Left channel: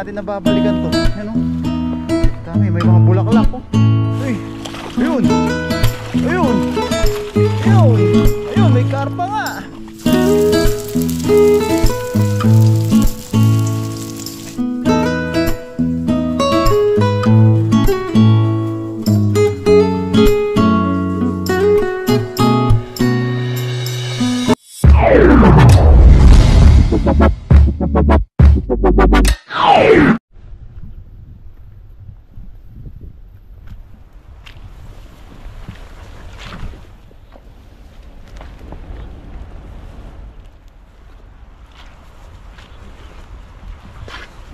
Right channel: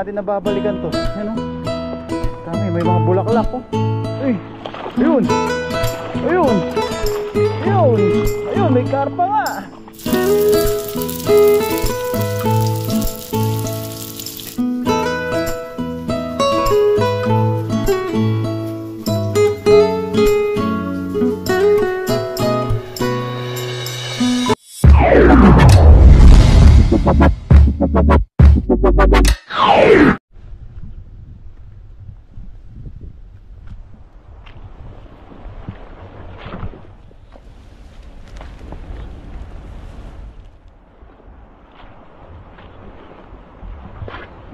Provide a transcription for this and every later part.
natin nababalikan to. Yan o. Dami, may mga bulaklak po. Uy, ayun. Ayun. Ayun. Ayun, may karpa nga.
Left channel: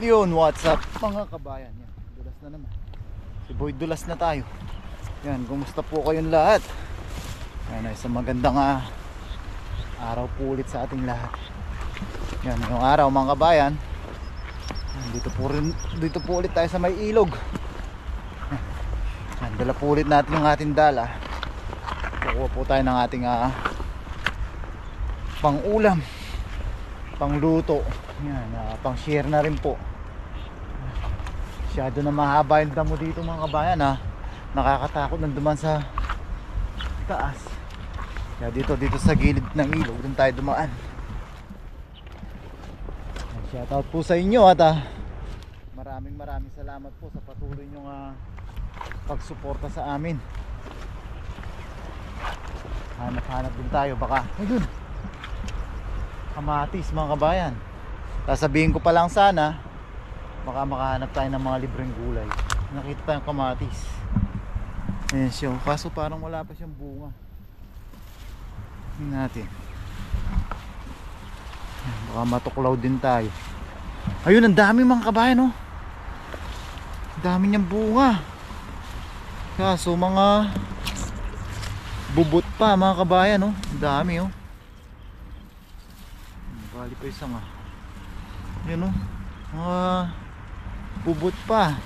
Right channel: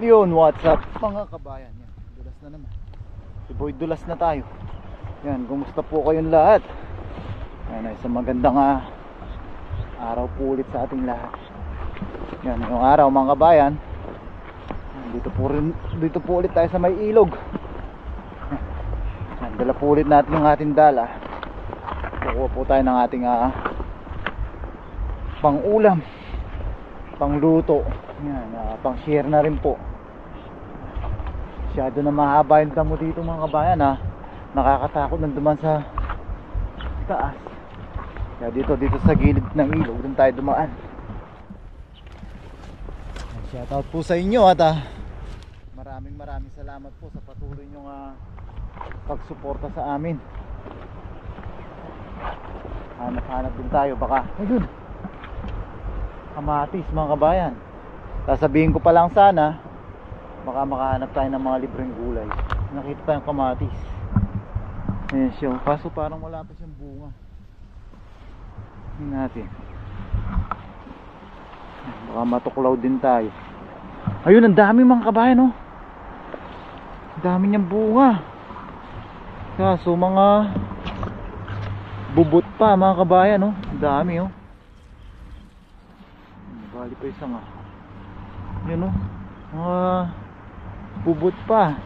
Yun, what's up mga kabayan. Yan, dulas na naman. Si Boy, dulas na tayo. Yan, kumusta po kayong lahat? Yan, isang magandang araw po ulit sa ating lahat. Yan, yung araw mga kabayan, dito po ulit tayo sa may ilog. Yan, dala po ulit natin yung ating dala. Kukuha po tayo ng ating pang ulam, pang luto. Yan, pang share na rin po. Masyado na mahaba yung damo dito mga kabayan nakakatakot nanduman sa taas. Kaya dito sa gilid ng ilog doon tayo dumaan. Shoutout po sa inyo at maraming salamat po sa patuloy nyong pagsuporta sa amin. Hanap din tayo, baka ayun, kamatis mga kabayan. Sasabihin ko pa lang sana, baka makahanap tayo ng mga libreng gulay. Nakita tayong kamatis. Ayan siya, kaso parang wala pa siyang bunga. Tingnan natin. Baka matuklaw din tayo. Ayun, ang dami mga kabayan, oh. Ang dami niyang bunga. Kaso mga bubot pa mga kabayan, oh. Ang dami, oh. Bali pa isang yun, oh. Bubot pa.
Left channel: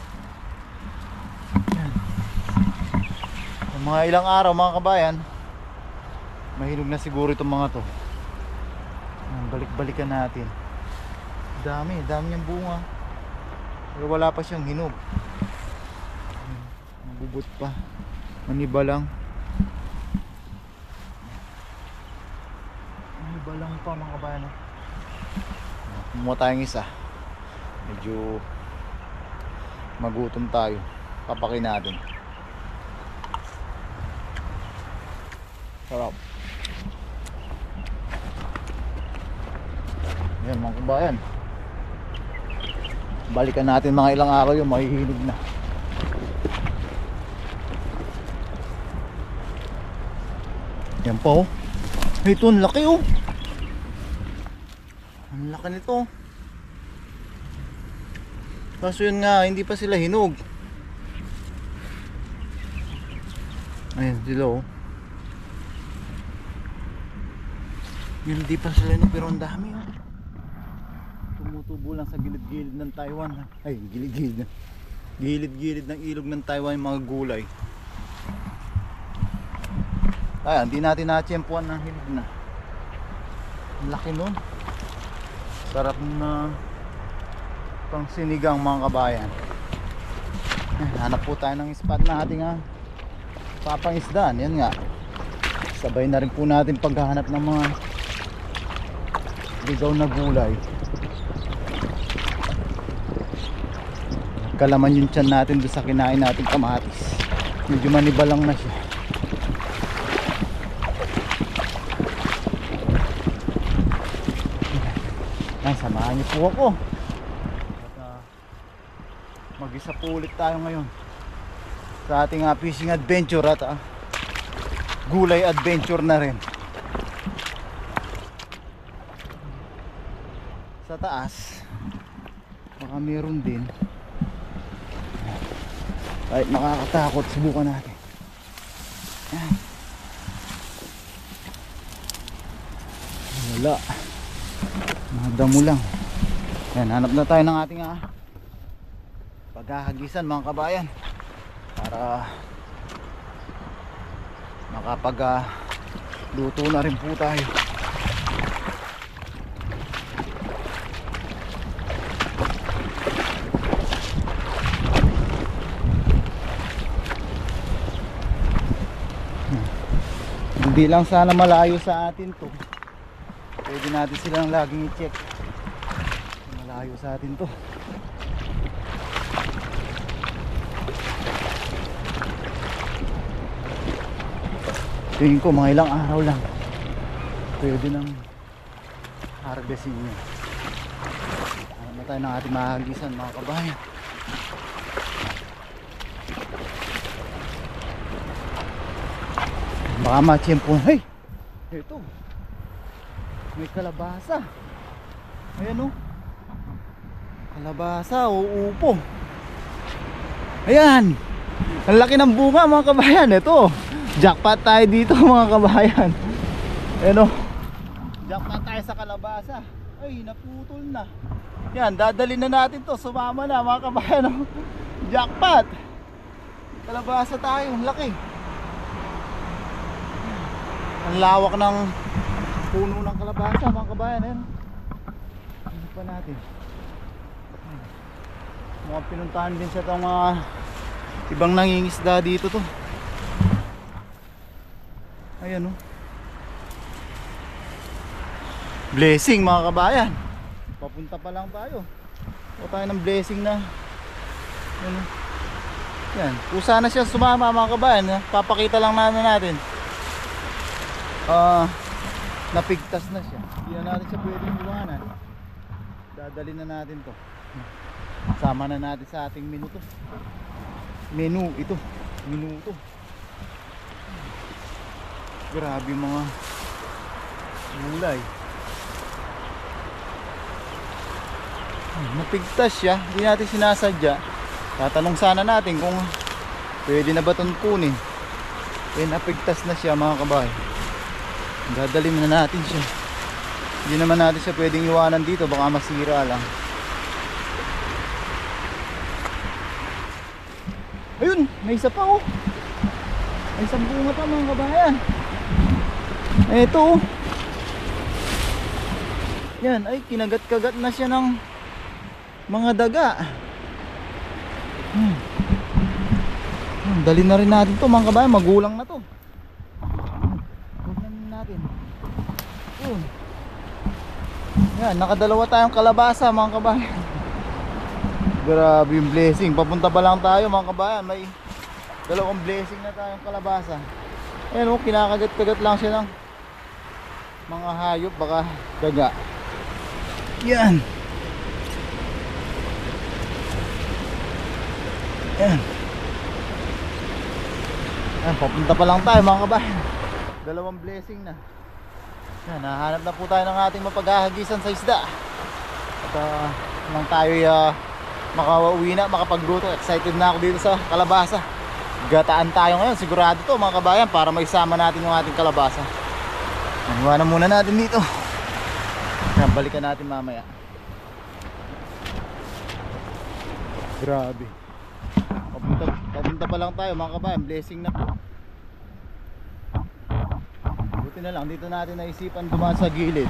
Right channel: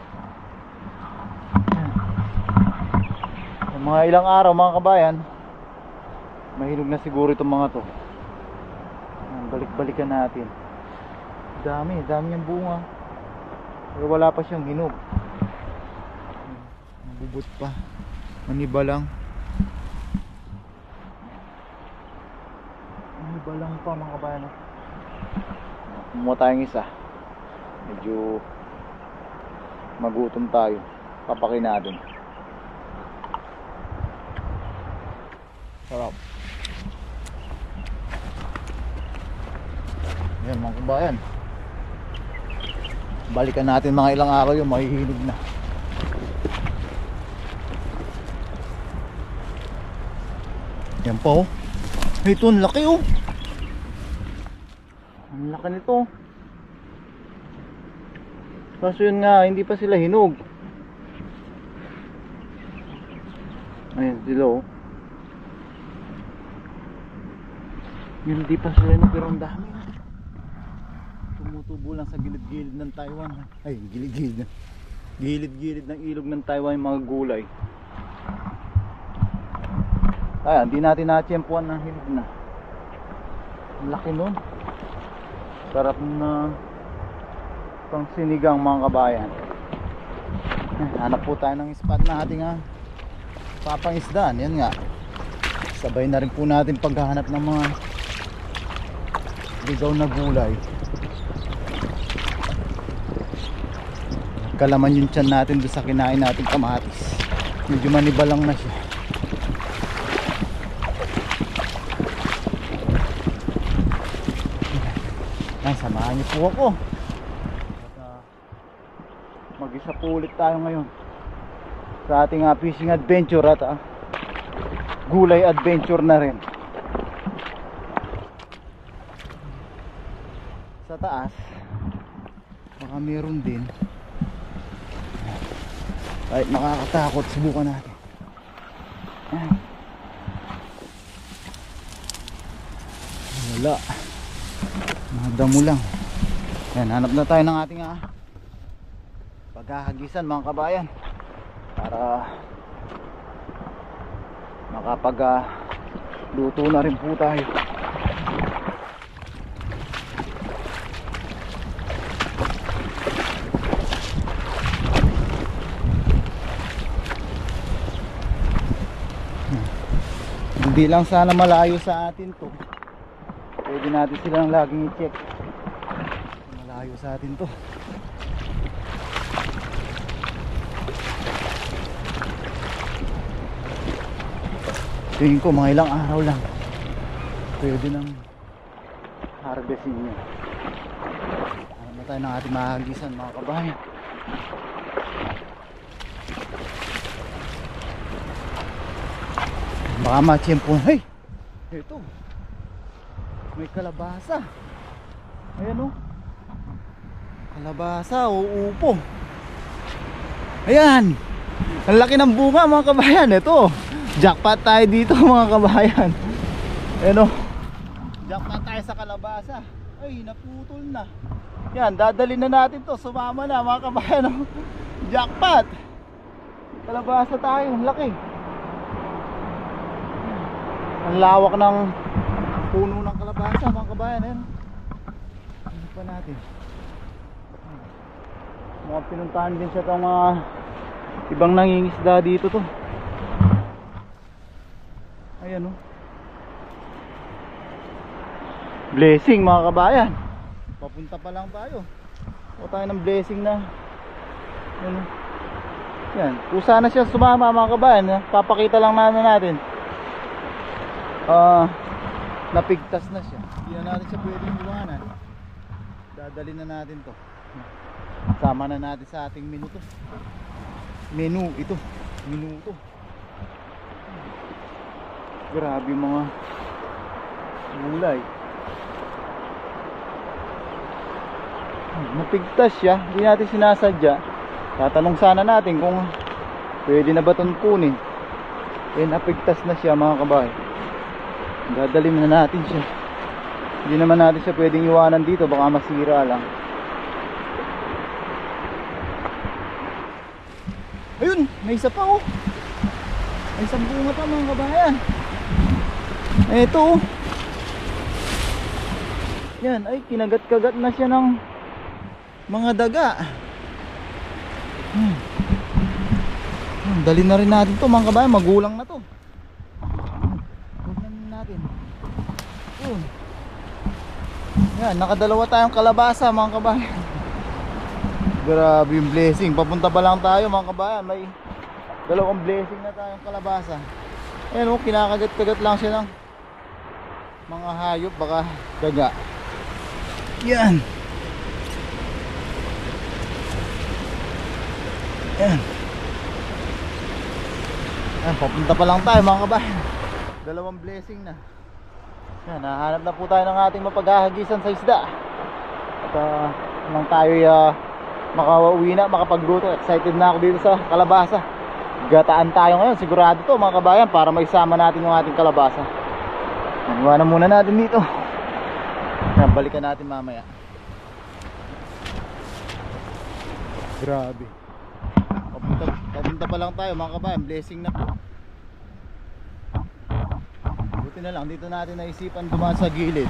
Mga ilang araw mga kabayan, mahinog na siguro itong mga to. Balik-balikan natin. Dami niyang bunga. Pero wala pa siyang hinog. Bubot pa. Maniba lang. Maniba lang pa mga kabayan. Kumuha tayong isa. Medyo magutom tayo. Papakin natin. Sarap. Yan mga kabayan, balikan natin mga ilang araw yung mahihinog na. Yan po, ito ang laki, oh. Ang laki nito. Kaso yun nga, hindi pa sila hinog. Ayan sila, oh. Yun, hindi pa sila hinog, pero ang dami, oh. Tumutubo lang sa gilid-gilid ng Taiwan. Ay, gilid-gilid ng ilog ng Taiwan yung mga gulay. Ayan, hindi natin natsyempuan ng hinog na. Ang laki nun. Sarap na pang sinigang mga kabayan. Hanap po tayo ng spot na ating papangisdaan. Yan nga, sabay na rin po natin paghahanap ng mga ligaw na gulay. Kalaman yung tiyan natin doon sa kinain natin kamatis. Medyo maniba lang na siya. Ay, samahan niyo po ako. At mag-isa po ulit tayo ngayon sa ating fishing adventure at gulay adventure na rin. Sa taas baka meron din. Kahit nakakatakot, subukan natin. Ayan. Wala. Mga damo lang. Ayan, hanap na tayo ng ating paghahagisan mga kabayan, para makapag luto na rin po tayo. Hindi lang sana malayo sa atin to. Pwede natin silang laging i-check. Malayo sa atin to. Tingin ko mga ilang araw lang pwede nang harvestin niya. Ano na tayo ng ating mahagisan mga kabayan. Baka matiyempo. Hey! Ito. May kalabasa. Ayan o. Kalabasa o upo. Ayan. Ang laki ng bunga mga kabayan. Ito. Jackpot tayo dito mga kabayan. Ayan o. Jackpot tayo sa kalabasa. Ay, naputol na. Yan, dadalhin na natin to. Sumama na mga kabayan o. Jackpot. Kalabasa tayo. Ang laki. Ang lawak ng puno ng kalabasa mga kabayan. Ayan. Ano pa natin? Mukhang pinuntahan din siya itong ibang nangingisda dito to. Ayan o. Blessing mga kabayan. Papunta pa lang tayo. O tayo ng blessing na. Ayan o. Yan. Kusa na siya sumama mga kabayan. Papakita lang natin. Napigtas na siya. Hindi na natin siya pwedeng iwanan. Dadalhin na natin to. Sama na natin sa ating menu to. Menu ito. Menu to. Grabe mga gulay. Napigtas siya. Hindi natin sinasadya. Tatanong sana natin kung pwede na ba itong kunin. Napigtas na siya mga kabahay. Dadalhin na natin siya. Hindi naman natin siya pwedeng iwanan dito. Baka masira lang. Ayun, may isa pa oh. May isang bunga pa mga kabayan. Ito oh. Yan, ay kinagat-kagat na siya ng mga daga. Dali na rin natin to mga kabayan. Magulang na to. Huwag na natin. Yan, nakadalawa tayong kalabasa mga kabayan. Grabe yung blessing. Papunta pa lang tayo mga kabayan. May dalawang blessing na tayong kalabasa. Ayan o, kinakagat-kagat lang siya ng mga hayop, baka daga. Yan. Yan. Yan, papunta pa lang tayo mga kabayan. Dalawang blessing na. Yan, nahanap na po tayo ng ating mapaghahagisan sa isda. At nang tayo makauwi na, makapagluto. Excited na ako dito sa kalabasa. Gataan tayo ngayon, sigurado to mga kabayan, para maisama natin yung ating kalabasa. Iwanan muna natin dito. Balikan natin mamaya. Grabe. Papunta pa lang tayo mga kabayan. Blessing na po. Buti na lang, dito natin naisipan dumaan sa gilid.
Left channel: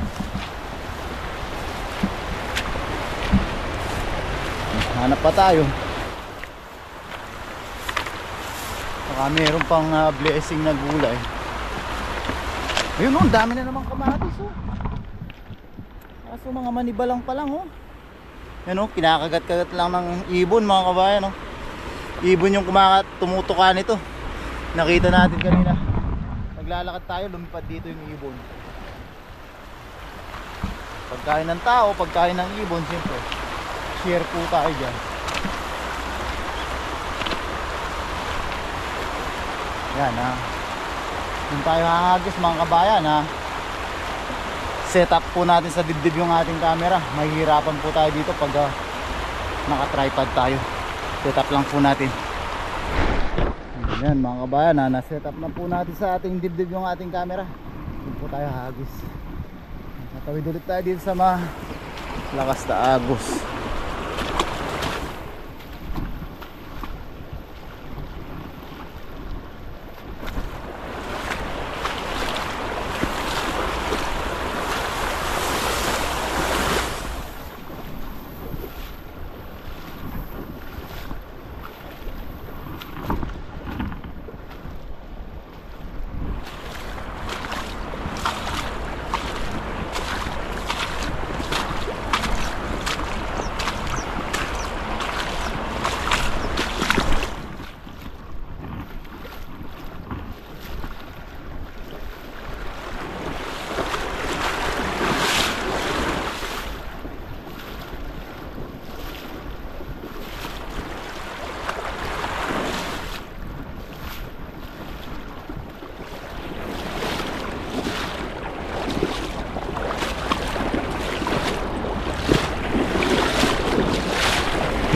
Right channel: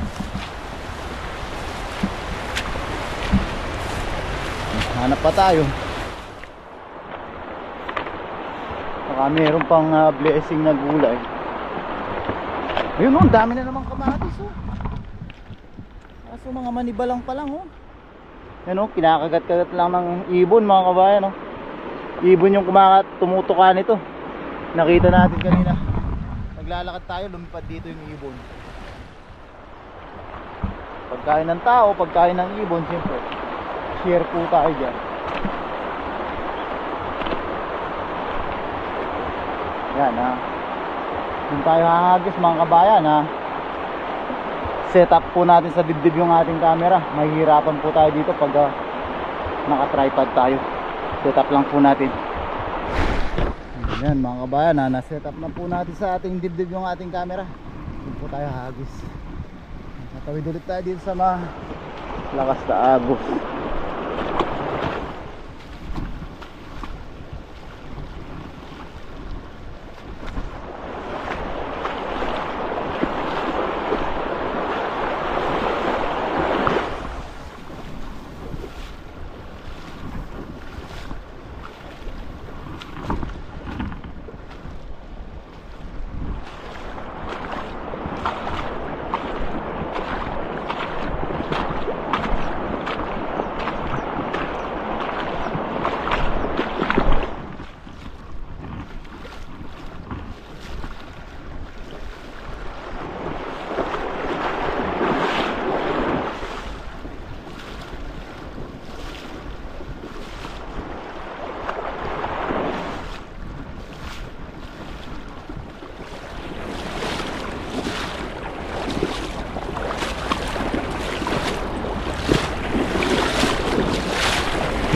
Hanap pa tayo. Baka meron pang blessing na gulay. Ayun oh, dami na namang kamatis oh. Kaso mga manibalang pa lang oh. Yan oh, kinakagat-kagat lang ng ibon mga kabayan oh. Ibon yung tumutuka nito. Nakita natin kanina. Naglalakad tayo, lumipad dito yung ibon. Pagkain ng tao, pagkain ng ibon, siyempre share po tayo dyan. Yan ha. Kung tayo hahagis mga kabayan ha, set up po natin sa dibdib yung ating camera. Mahihirapan po tayo dito pag naka-tripod tayo. Set up lang po natin. Yan mga kabayan ha, na-set up na po natin sa ating dibdib yung ating camera. Doon po tayo hahagis. Natawid ulit tayo dito sa malakas na agos.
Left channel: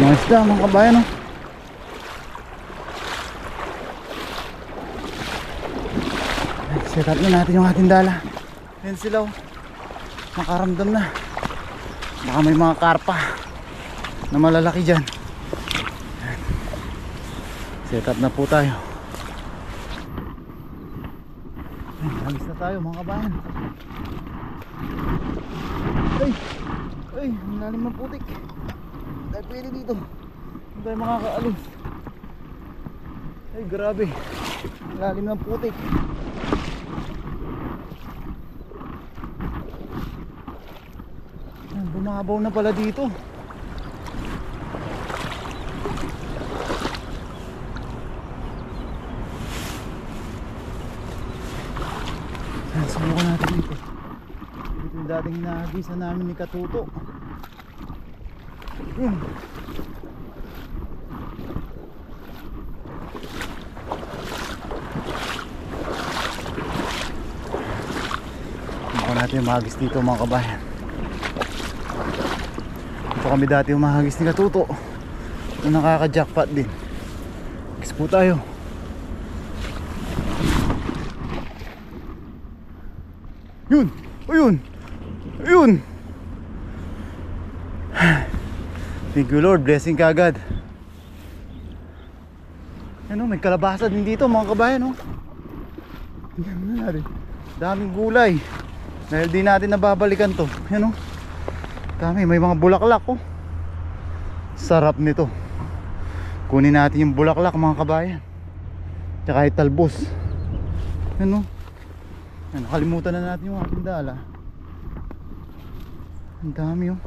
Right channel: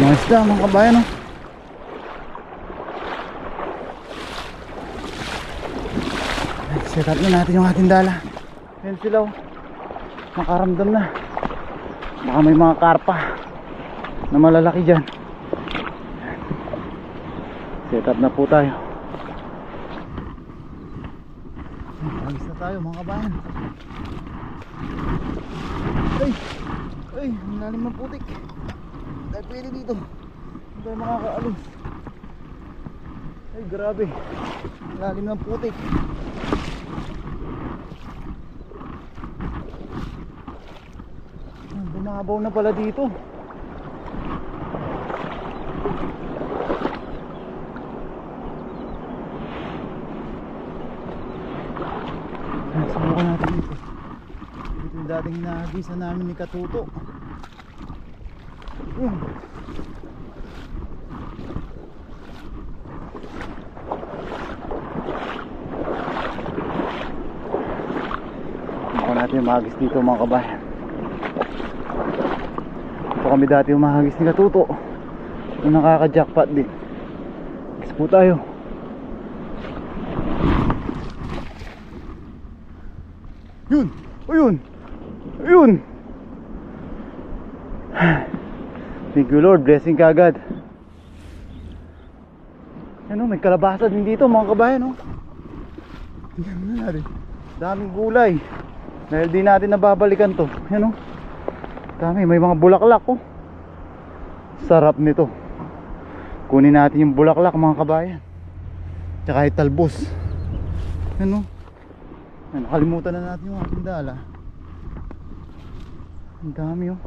Mga isda mga kabayan, oh. Set up na natin yung ating dala. Yan sila, oh. Nakaramdam na. Baka may mga karpa na malalaki dyan. Set up na po tayo. Alis na tayo mga kabayan. Ay, ang lalim ng putik. Dahil pwede dito. Hindi tayo makakaalim. Ay, grabe. Ang lalim ng putik. Bumabaw na pala dito. Subukan natin dito. Dito yung dating hinahagisa namin ni Katuto. Subukan natin yung mahagis dito mga kabayan. Ito kami dati yung mahagis ni Katuto. Ito nakaka-jackpot din. Kiss po tayo. Yun! Ayun! Ayun! Thank you Lord, blessing ka agad. Ano, may kalabasa din dito mga kabayan, oh. Tingnan mo na rin. Daming gulay. Dahil di natin nababalikan to. Yan, oh. Dami, may mga bulaklak, oh. Sarap nito. Kunin natin yung bulaklak mga kabayan. Tsaka italbos. Yan, oh. Nakalimutan na natin yung ating dala. Ang dami, oh.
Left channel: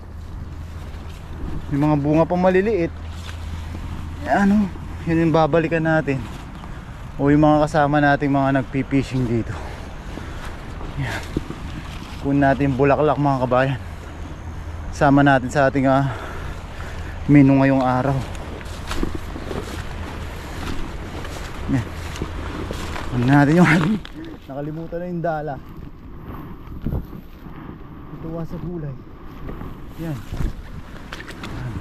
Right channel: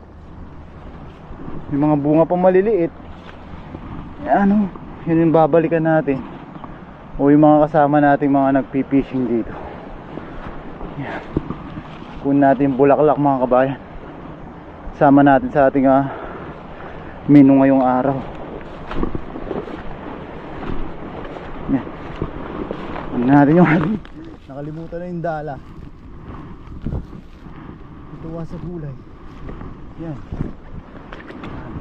May mga bunga pa maliliit. Ano, yun yung babalikan natin. O yung mga kasama nating mga nagpipishing dito. Yan. Kunin natin yung bulaklak mga kabayan. Sama natin sa ating menu ngayong araw. Yan. Kunin natin yung ating nakalimutan na yung dala. Tuwa sa gulay. Yan.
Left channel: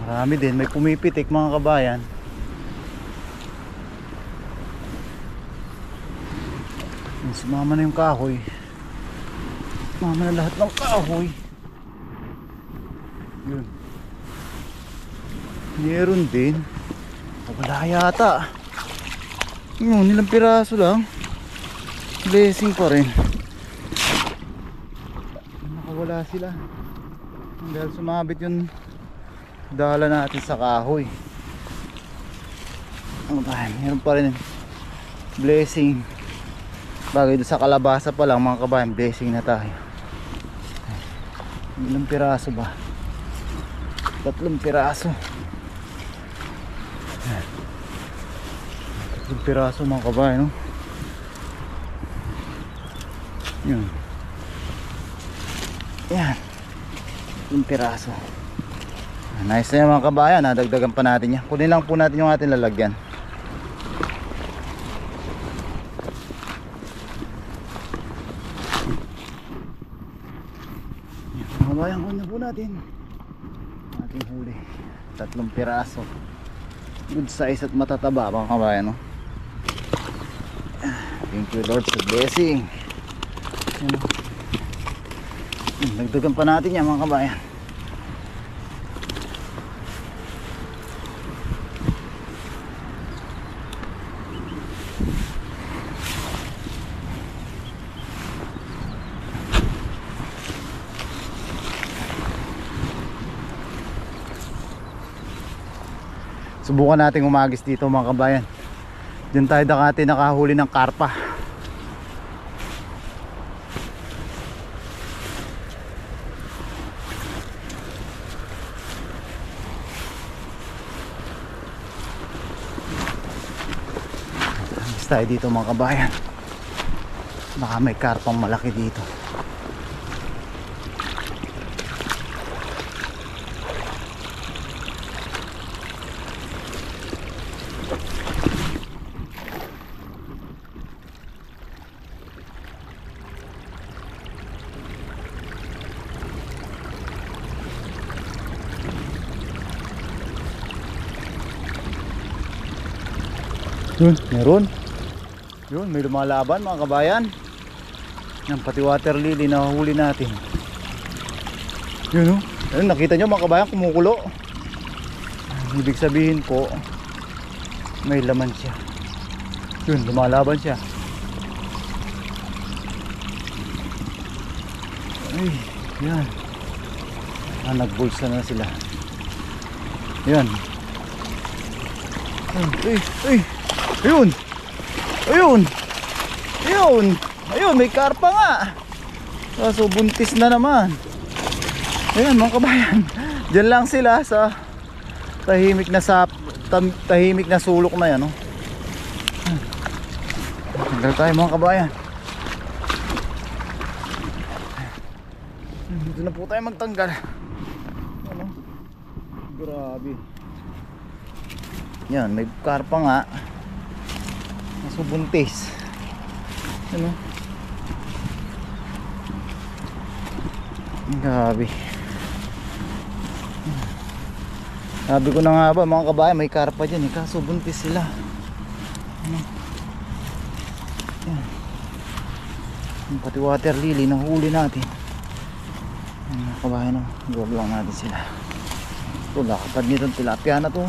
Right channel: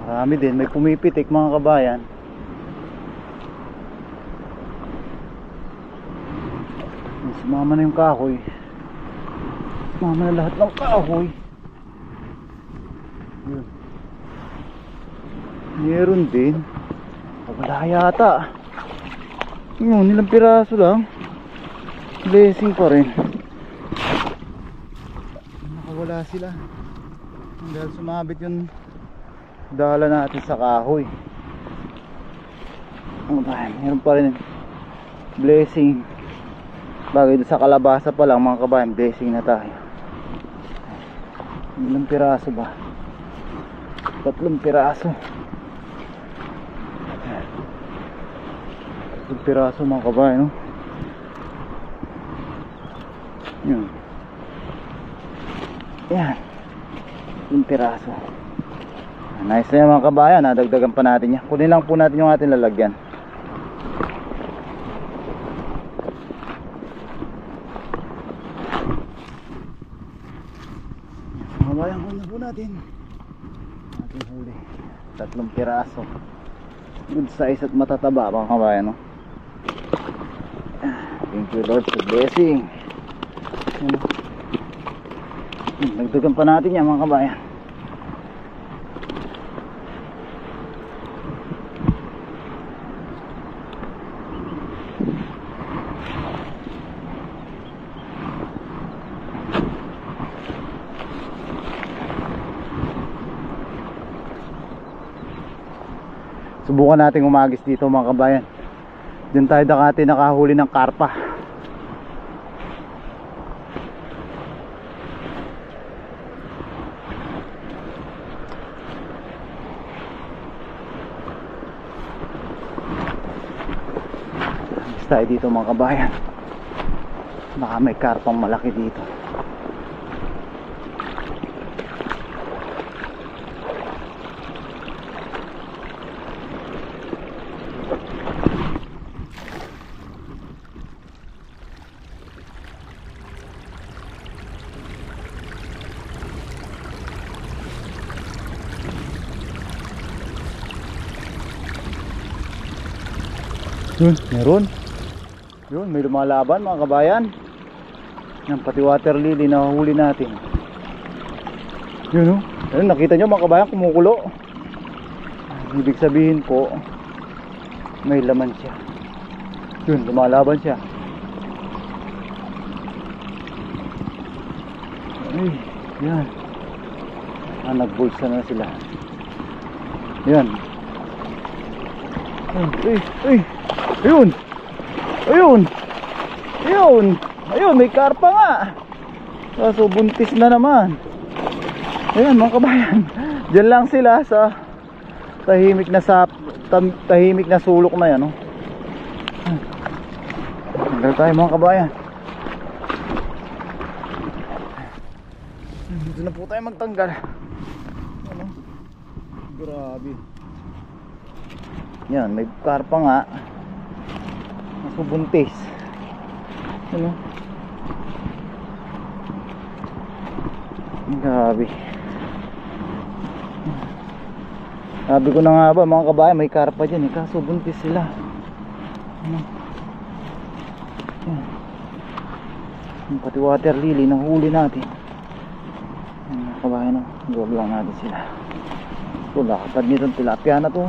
Marami din. May pumipitik mga kabayan. Sumama na yung kahoy. Sumama na lahat ng kahoy. Yun. Meron din. Wala yata. Yun, ilang piraso lang. Blessing pa rin. Nakawala sila dahil sumabit yung dala natin sa kahoy. Meron pa rin blessing. Bagay doon sa kalabasa pa lang mga kabayan, blessing na tayo. Ilang piraso ba? 3 piraso. 3 piraso mga kabayan, no? Yun. Yan. 1 piraso. Nice na yan mga kabayan. Nadagdagan pa natin yan. Kunin lang po natin yung ating lalagyan. Mga kabayan, kunin po natin ating huli. 3 piraso. Good size at matataba mga kabayan, no? Thank you Lord sa blessing. Nagdagan pa natin yan mga kabayan. Subukan natin umagis dito mga kabayan. Diyan tayo dati nakahuli ng karpa. Agis tayo dito mga kabayan. Baka may karpang malaki dito. Yun, meron. Yun, may lumalaban mga kabayan. Yan, pati water lily na huli natin. Yun, oh. Ayun, nakita nyo mga kabayan, kumukulo. Ibig sabihin po, may laman siya. Yun, lumalaban siya. Ay, yan. Nagbulsa na sila. Yan. Ay, ay. Ayun. Ayun. Ayun. Ayun, may karpa nga. Kaso buntis na naman. Ayan mga kabayan. Diyan lang sila sa tahimik na sulok na yan, oh. Tanggal tayo mga kabayan. Dito na po tayo magtanggal. Ano? Grabe. Yan, may karpa nga. Kaso buntis. Ano? Grabe. Sabi ko na nga ba mga kabayan, may karpa dyan eh, kaso buntis sila. Ano? Yan. Yung pati water lily na huli natin. Yan, mga kabayan, huwag lang natin sila. Ito, lakapad nitong tilapia na to.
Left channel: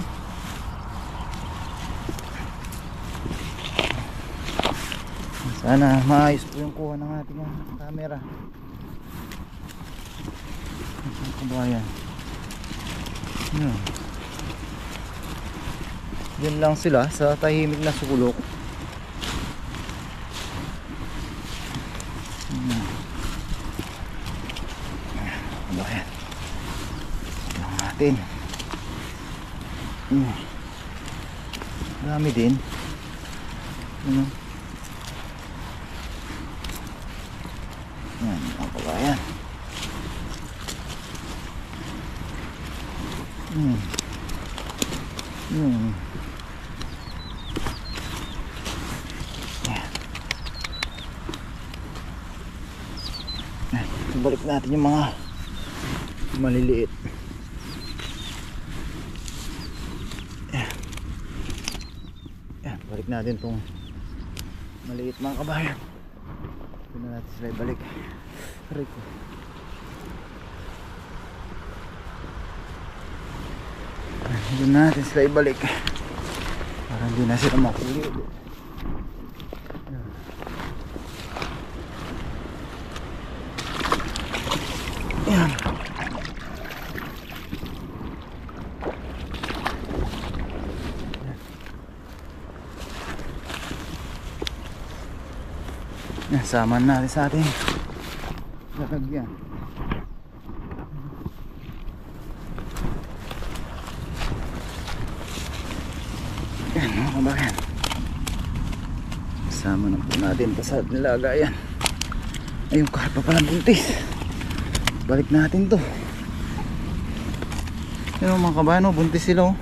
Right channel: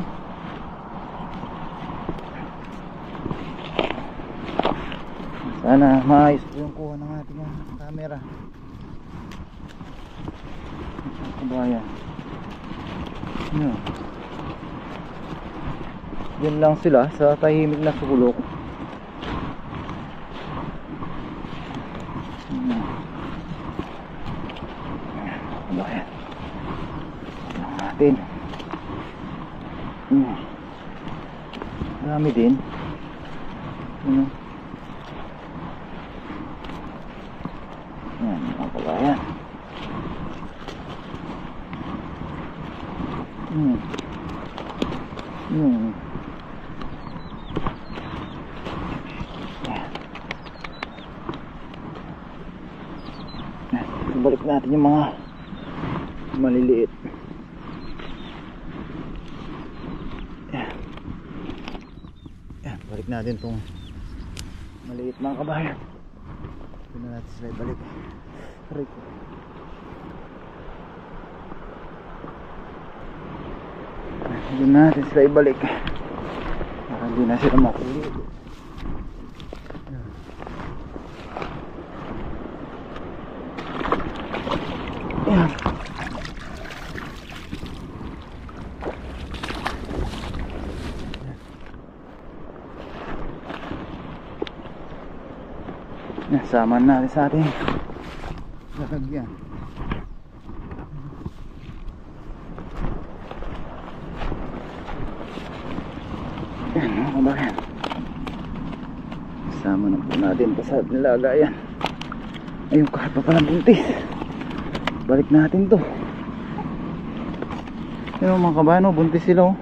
Sana maayos po yung kuha ng ating camera. Mga kabayan. Yan. Yan lang sila sa tahimik na sulok. Ayan. Tignan natin. Dami din. Yan, mga kabayan. Balik natin yung mga maliliit. Yan, balik natin tong maliit mga kabayan. Ito na natin sila ibalik. Rico. Ito natin sila ibalik. Para hindi na sila makulit. Yan. Yan, saman natin sa ating lalagyan. Yan mga kabayan, sama na po natin pa sa nilagayan. Ay, yung karpa pala buntis. Balik natin to. Yan mga kabayan, buntis sila, oh.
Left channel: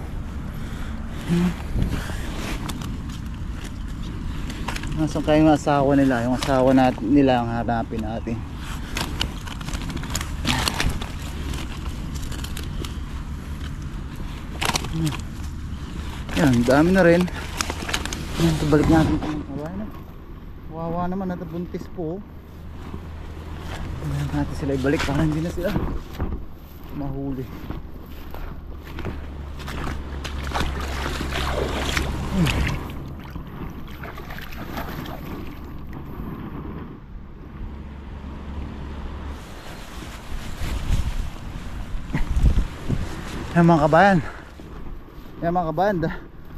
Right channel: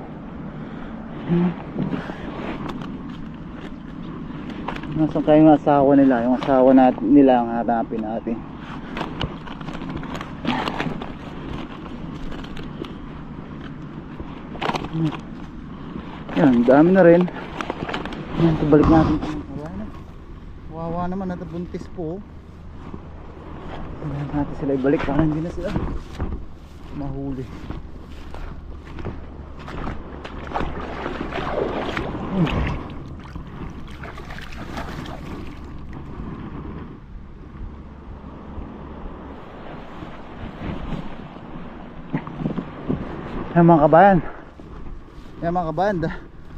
Nasaan kayo yung asawa nila? Yung asawa nila ang hanapin natin. Yan, dami na rin. Yan, ito balik natin. Wawa naman, natabuntis po. Yan natin sila ibalik para hindi na sila mahuli. Yan mga kabayan. Yan mga kabayan,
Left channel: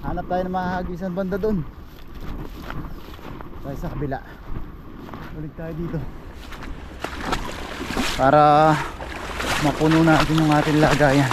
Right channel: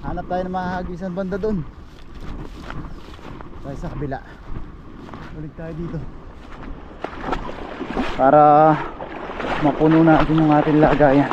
hanap tayo ng mahahagisan banda doon. Tayo sa kabila. Balik tayo dito para mapuno natin yung ating lagayan.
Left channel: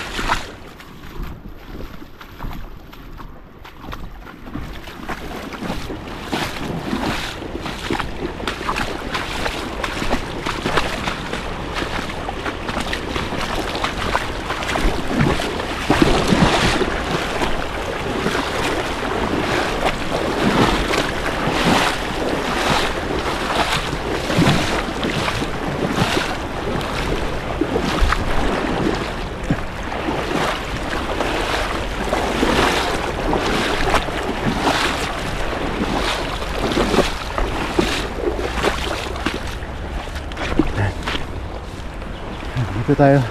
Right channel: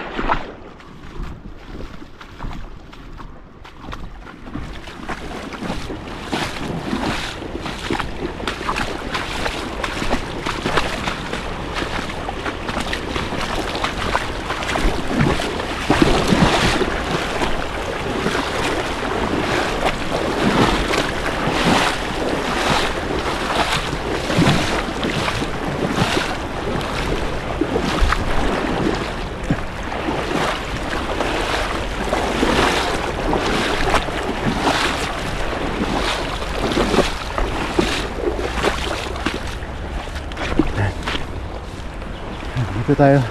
Dito tayo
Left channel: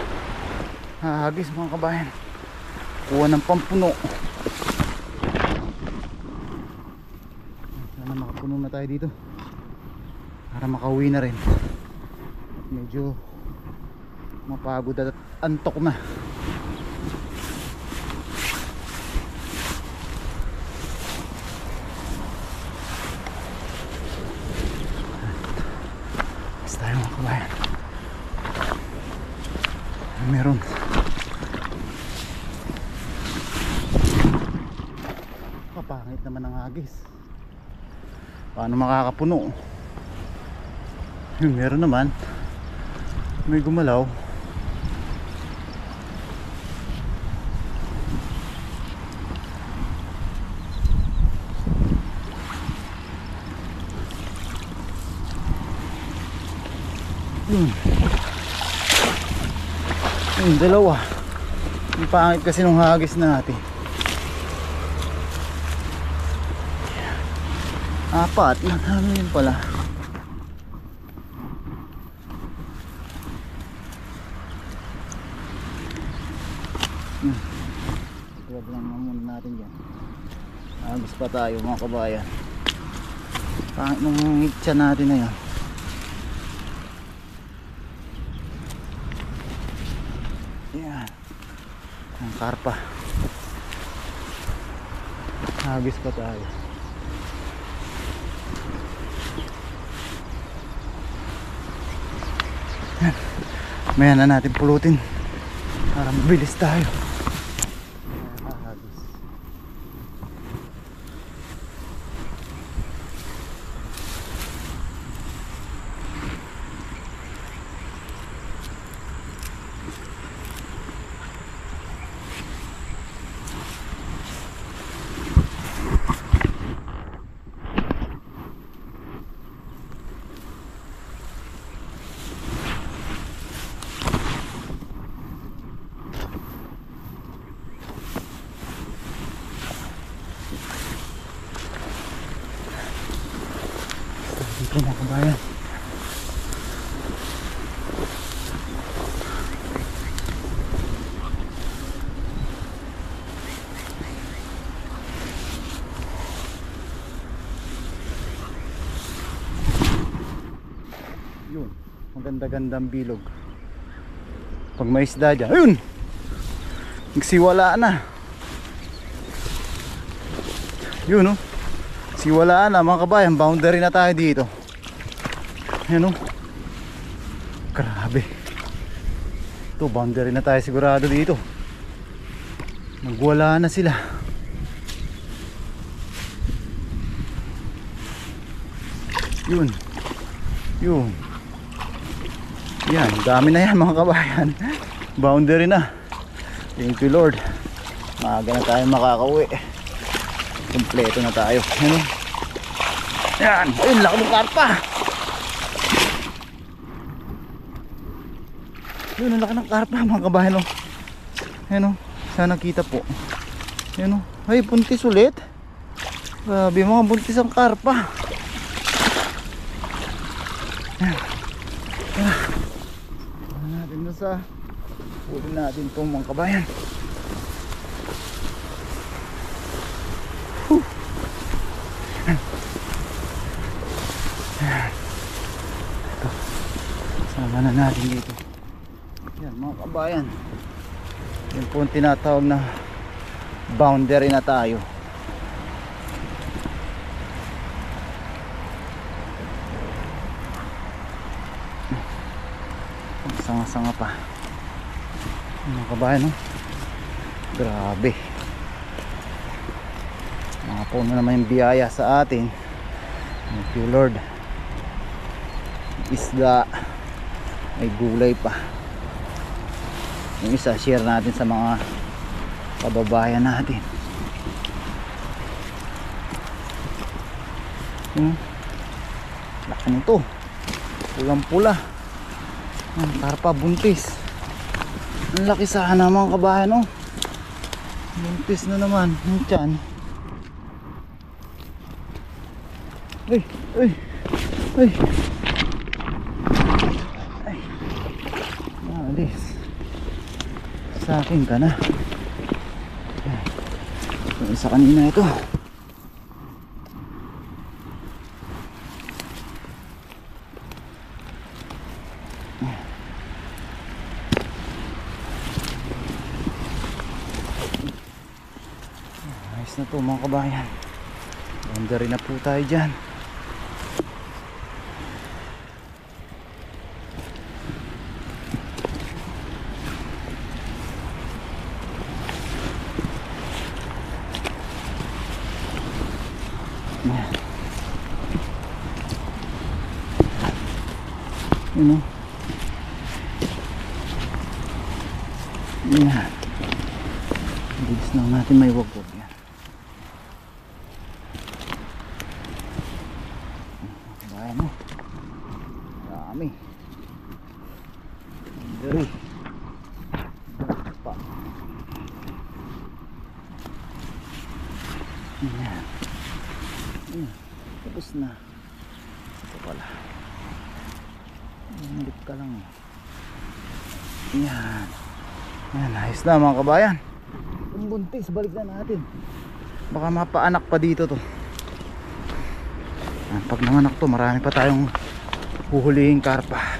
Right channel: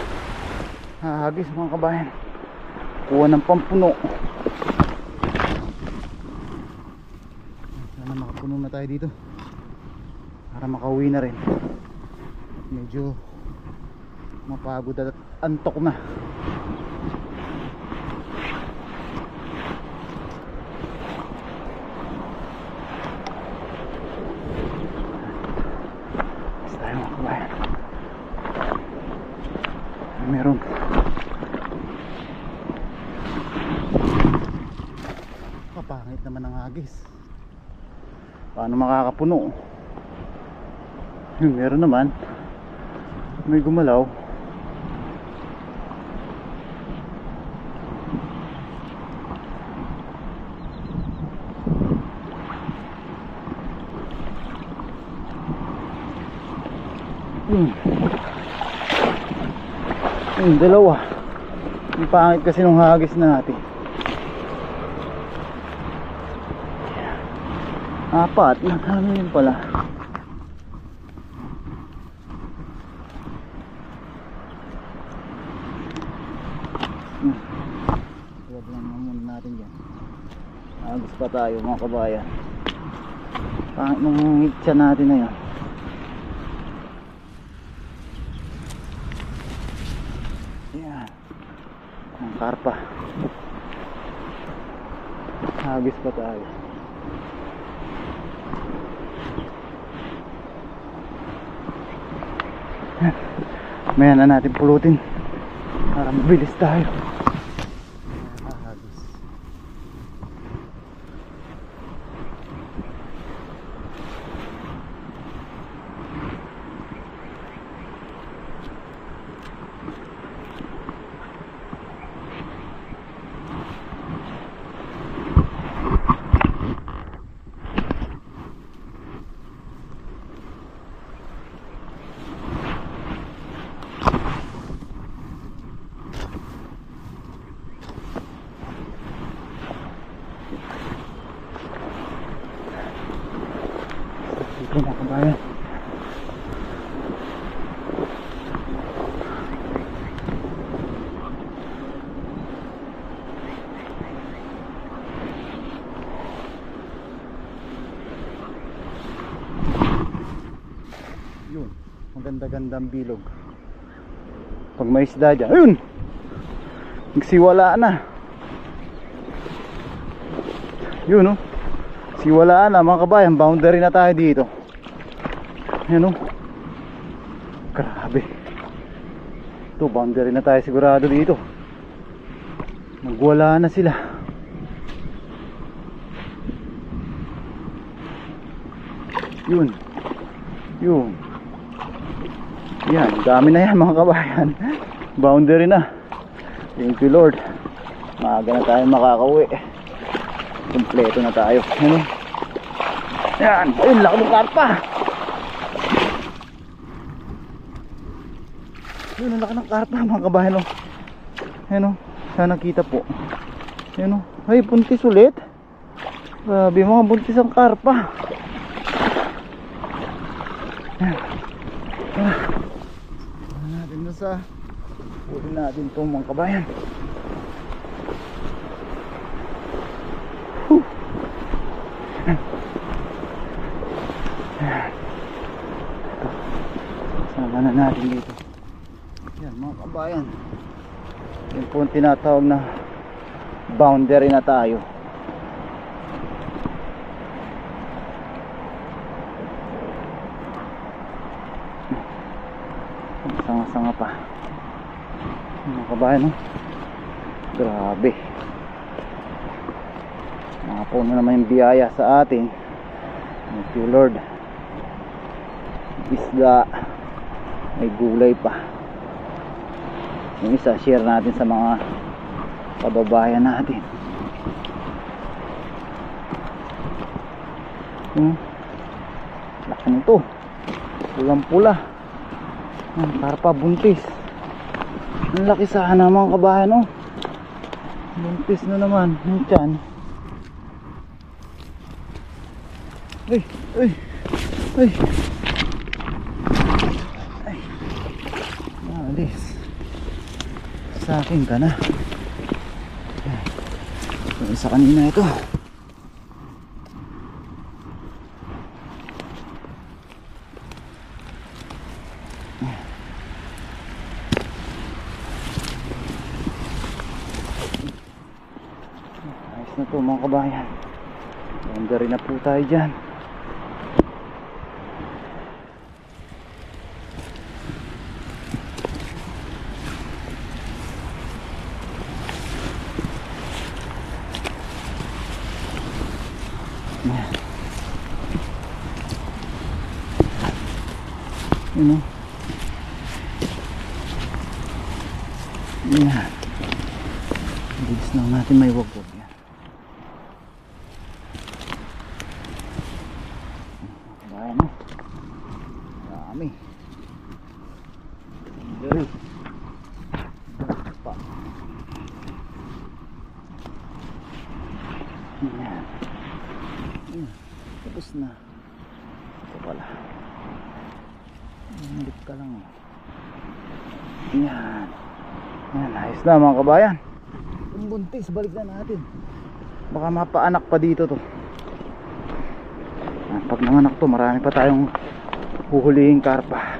hahagis mga kabayan. Kuha ng pampuno. Sana makapuno na tayo dito para makauwi na rin. Medyo mapagod at antok na. Basta tayo mga kabayan. Meron kapangit naman ang hagis. Paano makakapuno? Yung meron naman, may gumalaw. Yung dalawa, yung pangit kasi nung hagis natin. Apat, ano yun pala? Huwag lang muna natin dyan. Hagis pa tayo mga kabayan. Pangit nung hitsa natin na yun. Yan ang karpa. Hagis pa tayo. Maya na natin pulutin para mabilis tayo. Hagis. Dito mga kabayan. Yun, maganda-gandang bilog. Pag may isda dyan, ayun! Nagsiwala na. Yun oh. Siwalaan na mga kabayan, boundary na tayo dito. Ayan o. Grabe. Ito, boundary na tayo sigurado dito. Nagwala na sila. Yun. Yun. Yan, dami na yan mga kabayan. Boundary na. Thank you Lord. Maaga na tayo makakauwi. Kompleto na tayo. Ano? Yan. Ayun, laki ng karpa. Yun, laki ng karpa mga kabayan. Ano? Sana kita po. Ano? Ay, buntis ulit. Grabe mga buntis ang karpa. Yan. Natin na sa huli natin itong mga kabayan. Sama na natin dito. Yan mga kabayan, yung po tinatawag na boundary na tayo. Sanga-sanga pa mga kabayan, no? Grabe. Mga puno naman yung biyaya sa atin. Thank you Lord. Isda, may gulay pa. Yung isa share natin sa mga kababayan natin. Laki nito, pulang pula. Karpa buntis. Ang laki sana mga kabayan, oh. Buntis na naman yung tiyan. Ay, ay, ay. alis. Sa akin ka na. Yung isa kanina ito. Ayos na to mga kabayan. Ganda rin na po tayo dyan. Yun o. Yan. Bilis lang natin may wag-wag yan. Kabayan mo. Dami. Dali. Pa. Yan. Tapos na. Ito pala. Ulit ka lang. Yan. Yan, ayos na mga kabayan. Yung buntis, balik na natin. Baka mapaanak pa dito to. Yan, pag nanganak to, marami pa tayong huhulihin karpa.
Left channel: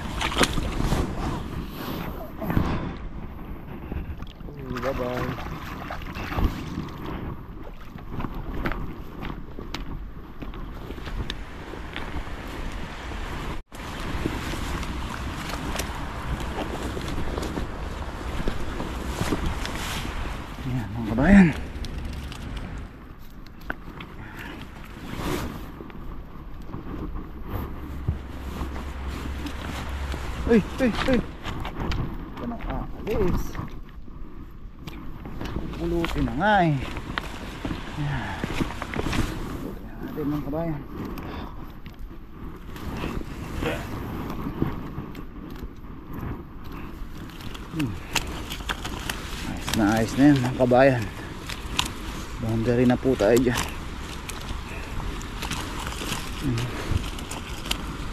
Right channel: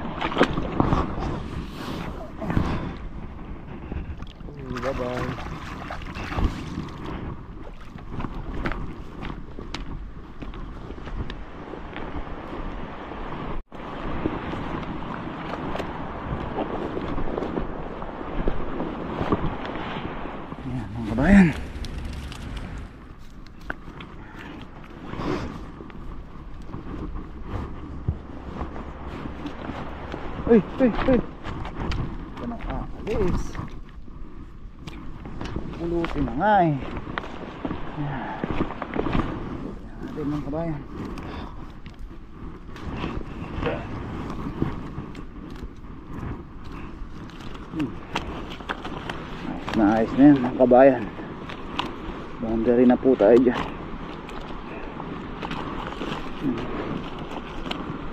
Bye bye. Kabayan. Uy. Ito nang aalis. Pulutin na nga eh. Yan. Pulutin natin mga kabayan. Ayos na yan mga kabayan. Boundary na po tayo dyan.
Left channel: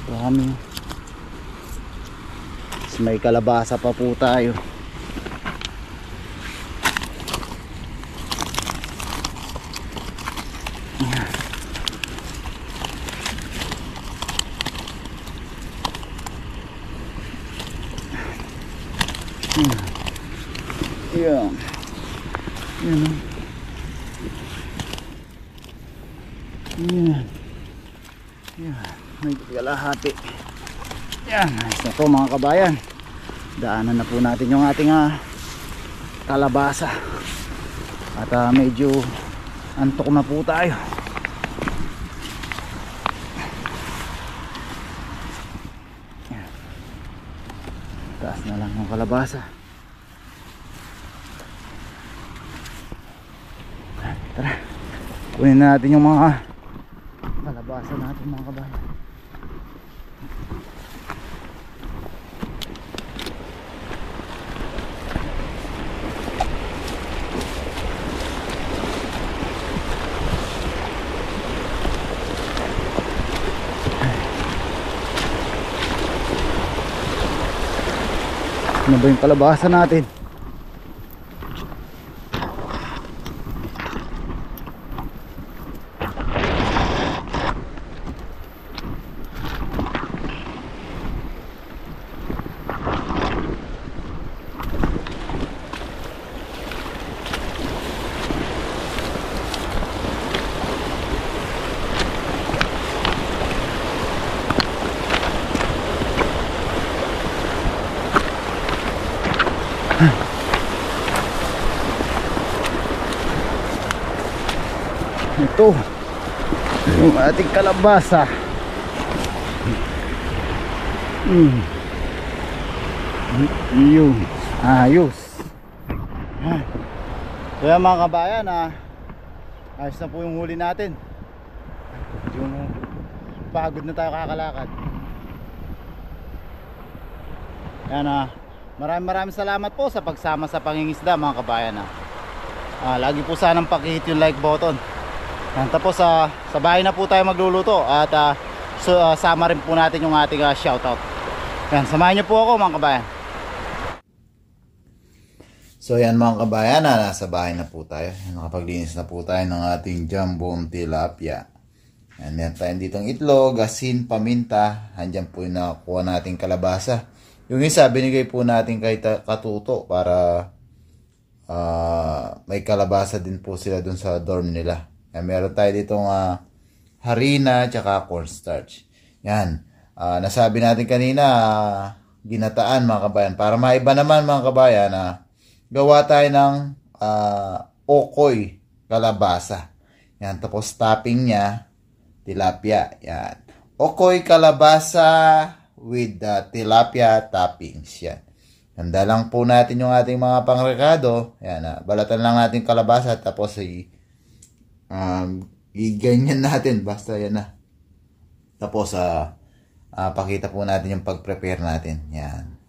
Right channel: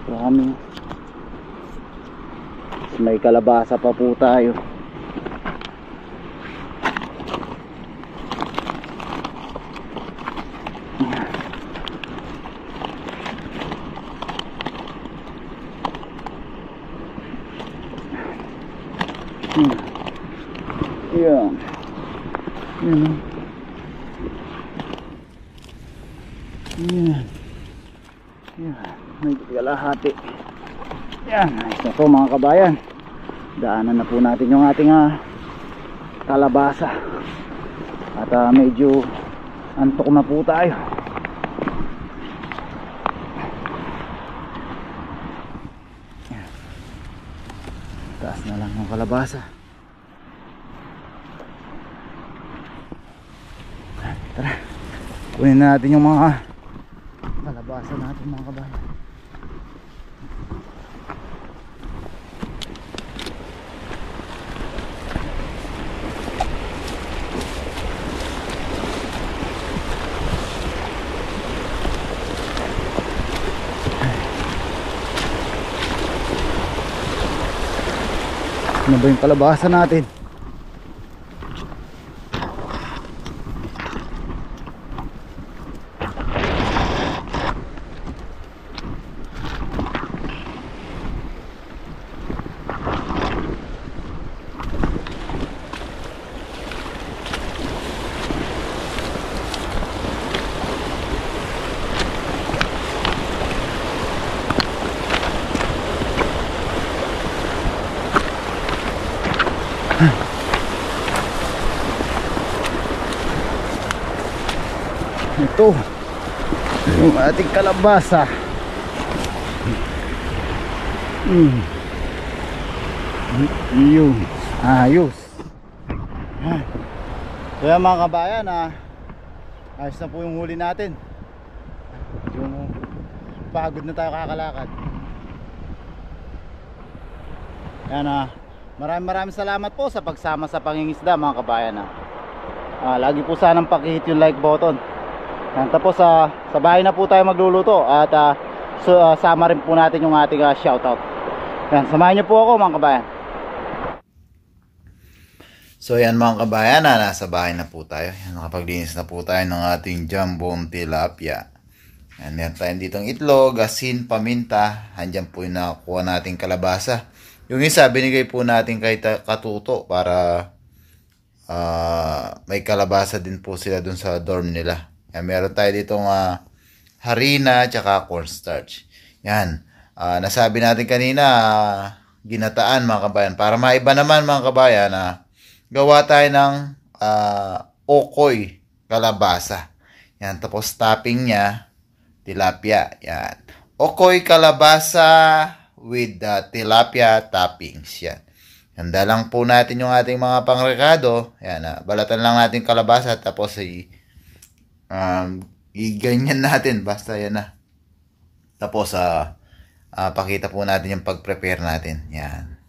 Kami may kalabasa pa po tayo. Yan. Yan. Yan. Yan. May kalahati. Yan. Ayos na po mga kabayan. Daanan na po natin yung ating kalabasa. At medyo antok na po tayo. Yan. Taas na lang yung kalabasa. Tara, kunin natin yung mga kalabasa natin mga kabayan. Ano ba yung kalabasa natin? Ito yung ating kalabasa. Yun, ayos. Kaya mga kabayan, ayos na po yung huli natin. Yung pagod na tayo kakalakad. Yan, maraming salamat po sa pagsama sa pangingisda mga kabayan. Lagi po sanang pakihit yung like button. Yan, tapos sa bahay na po tayo magluluto. At sama rin po natin yung ating shoutout. Yan, samahan niyo po ako mga kabayan. So yan mga kabayan, nasa bahay na po tayo. Yan, nakapaglinis na po tayo ng ating jambong tilapia. Yan, meron tayong ditong itlog, asin, paminta. Handyan po yung nakuha nating kalabasa. Yung isa, binigay po natin kay Katuto para may kalabasa din po sila dun sa dorm nila. Yan, meron tayo ditong harina tsaka cornstarch. Yan, nasabi natin kanina, ginataan mga kabayan. Para maiba naman mga kabayan, gawa tayo ng okoy kalabasa. Yan, tapos topping niya, tilapia. Yan. Okoy kalabasa with tilapia toppings. Yan. Handa lang po natin yung ating mga pangrekado. Yan, balatan lang natin kalabasa tapos iganyan natin. Basta yan na. Tapos pakita po natin yung pag-prepare natin. Yan.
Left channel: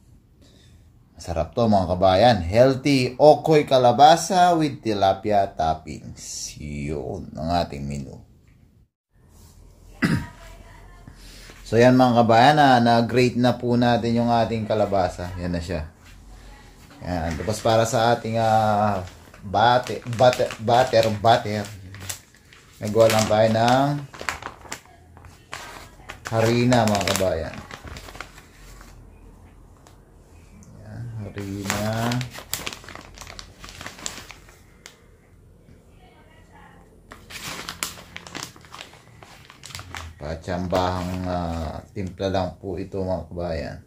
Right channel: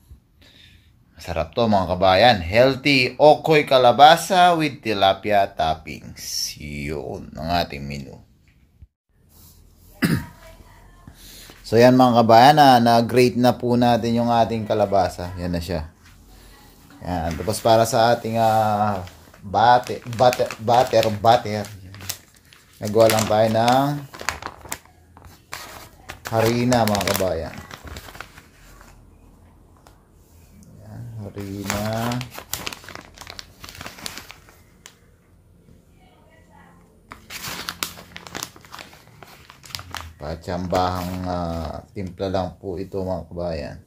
Masarap to mga kabayan. Healthy okoy kalabasa with tilapia toppings. Yun ang ating menu. So yan mga kabayan, na-grate na po natin yung ating kalabasa. Yan na siya. Yan. Tapos para sa ating butter. Nagawa lang tayo ng harina mga kabayan. Harina. Patsambahang timpla lang po ito mga kabayan.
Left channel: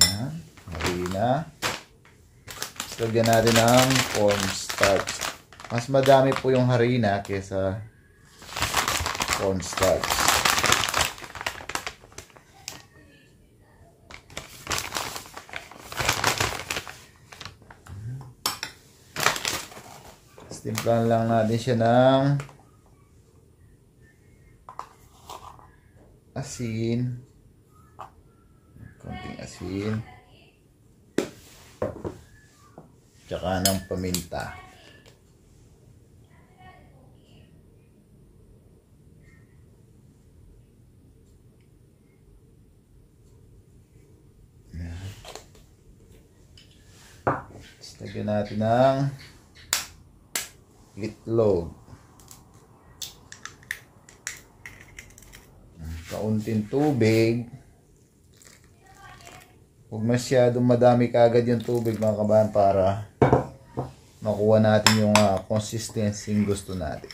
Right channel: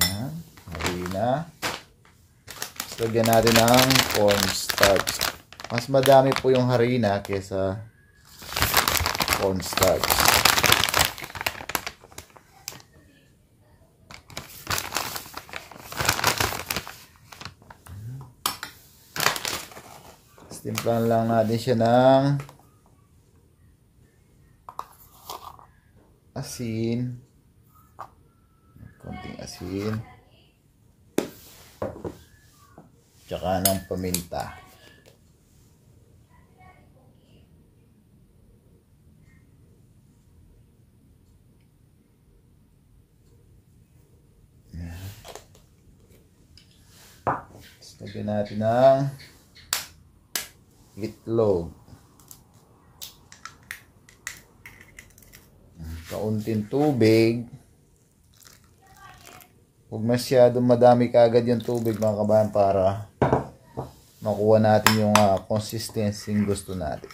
Yan, harina. Lagyan natin ng cornstarch. Mas madami po yung harina kaysa cornstarch. Timplahan lang natin siya ng asin. Konting asin. Tsaka ng paminta. Lagyan natin ng itlog. Kaunting tubig. Huwag masyadong madami kaagad yung tubig mga kabayan para makuha natin yung consistency yung gusto natin.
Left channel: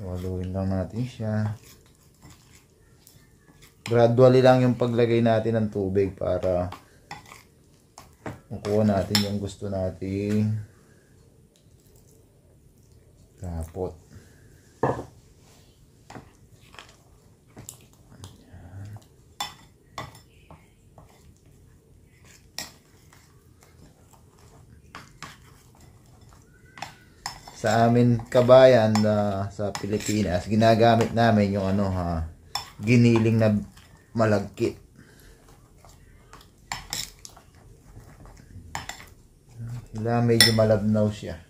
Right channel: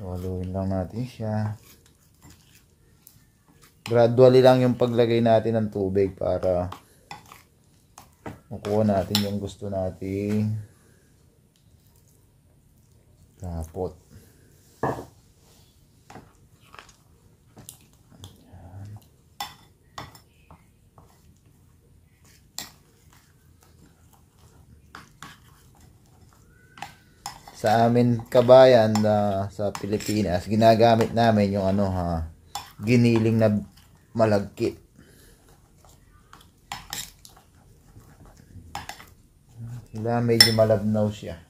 Haluin lang natin siya. Gradually lang yung paglagay natin ng tubig para makuha natin yung gusto natin. Tapot. Sa amin kabayan sa Pilipinas, ginagamit namin yung giniling na malagkit. Sila medyo malabnaw siya.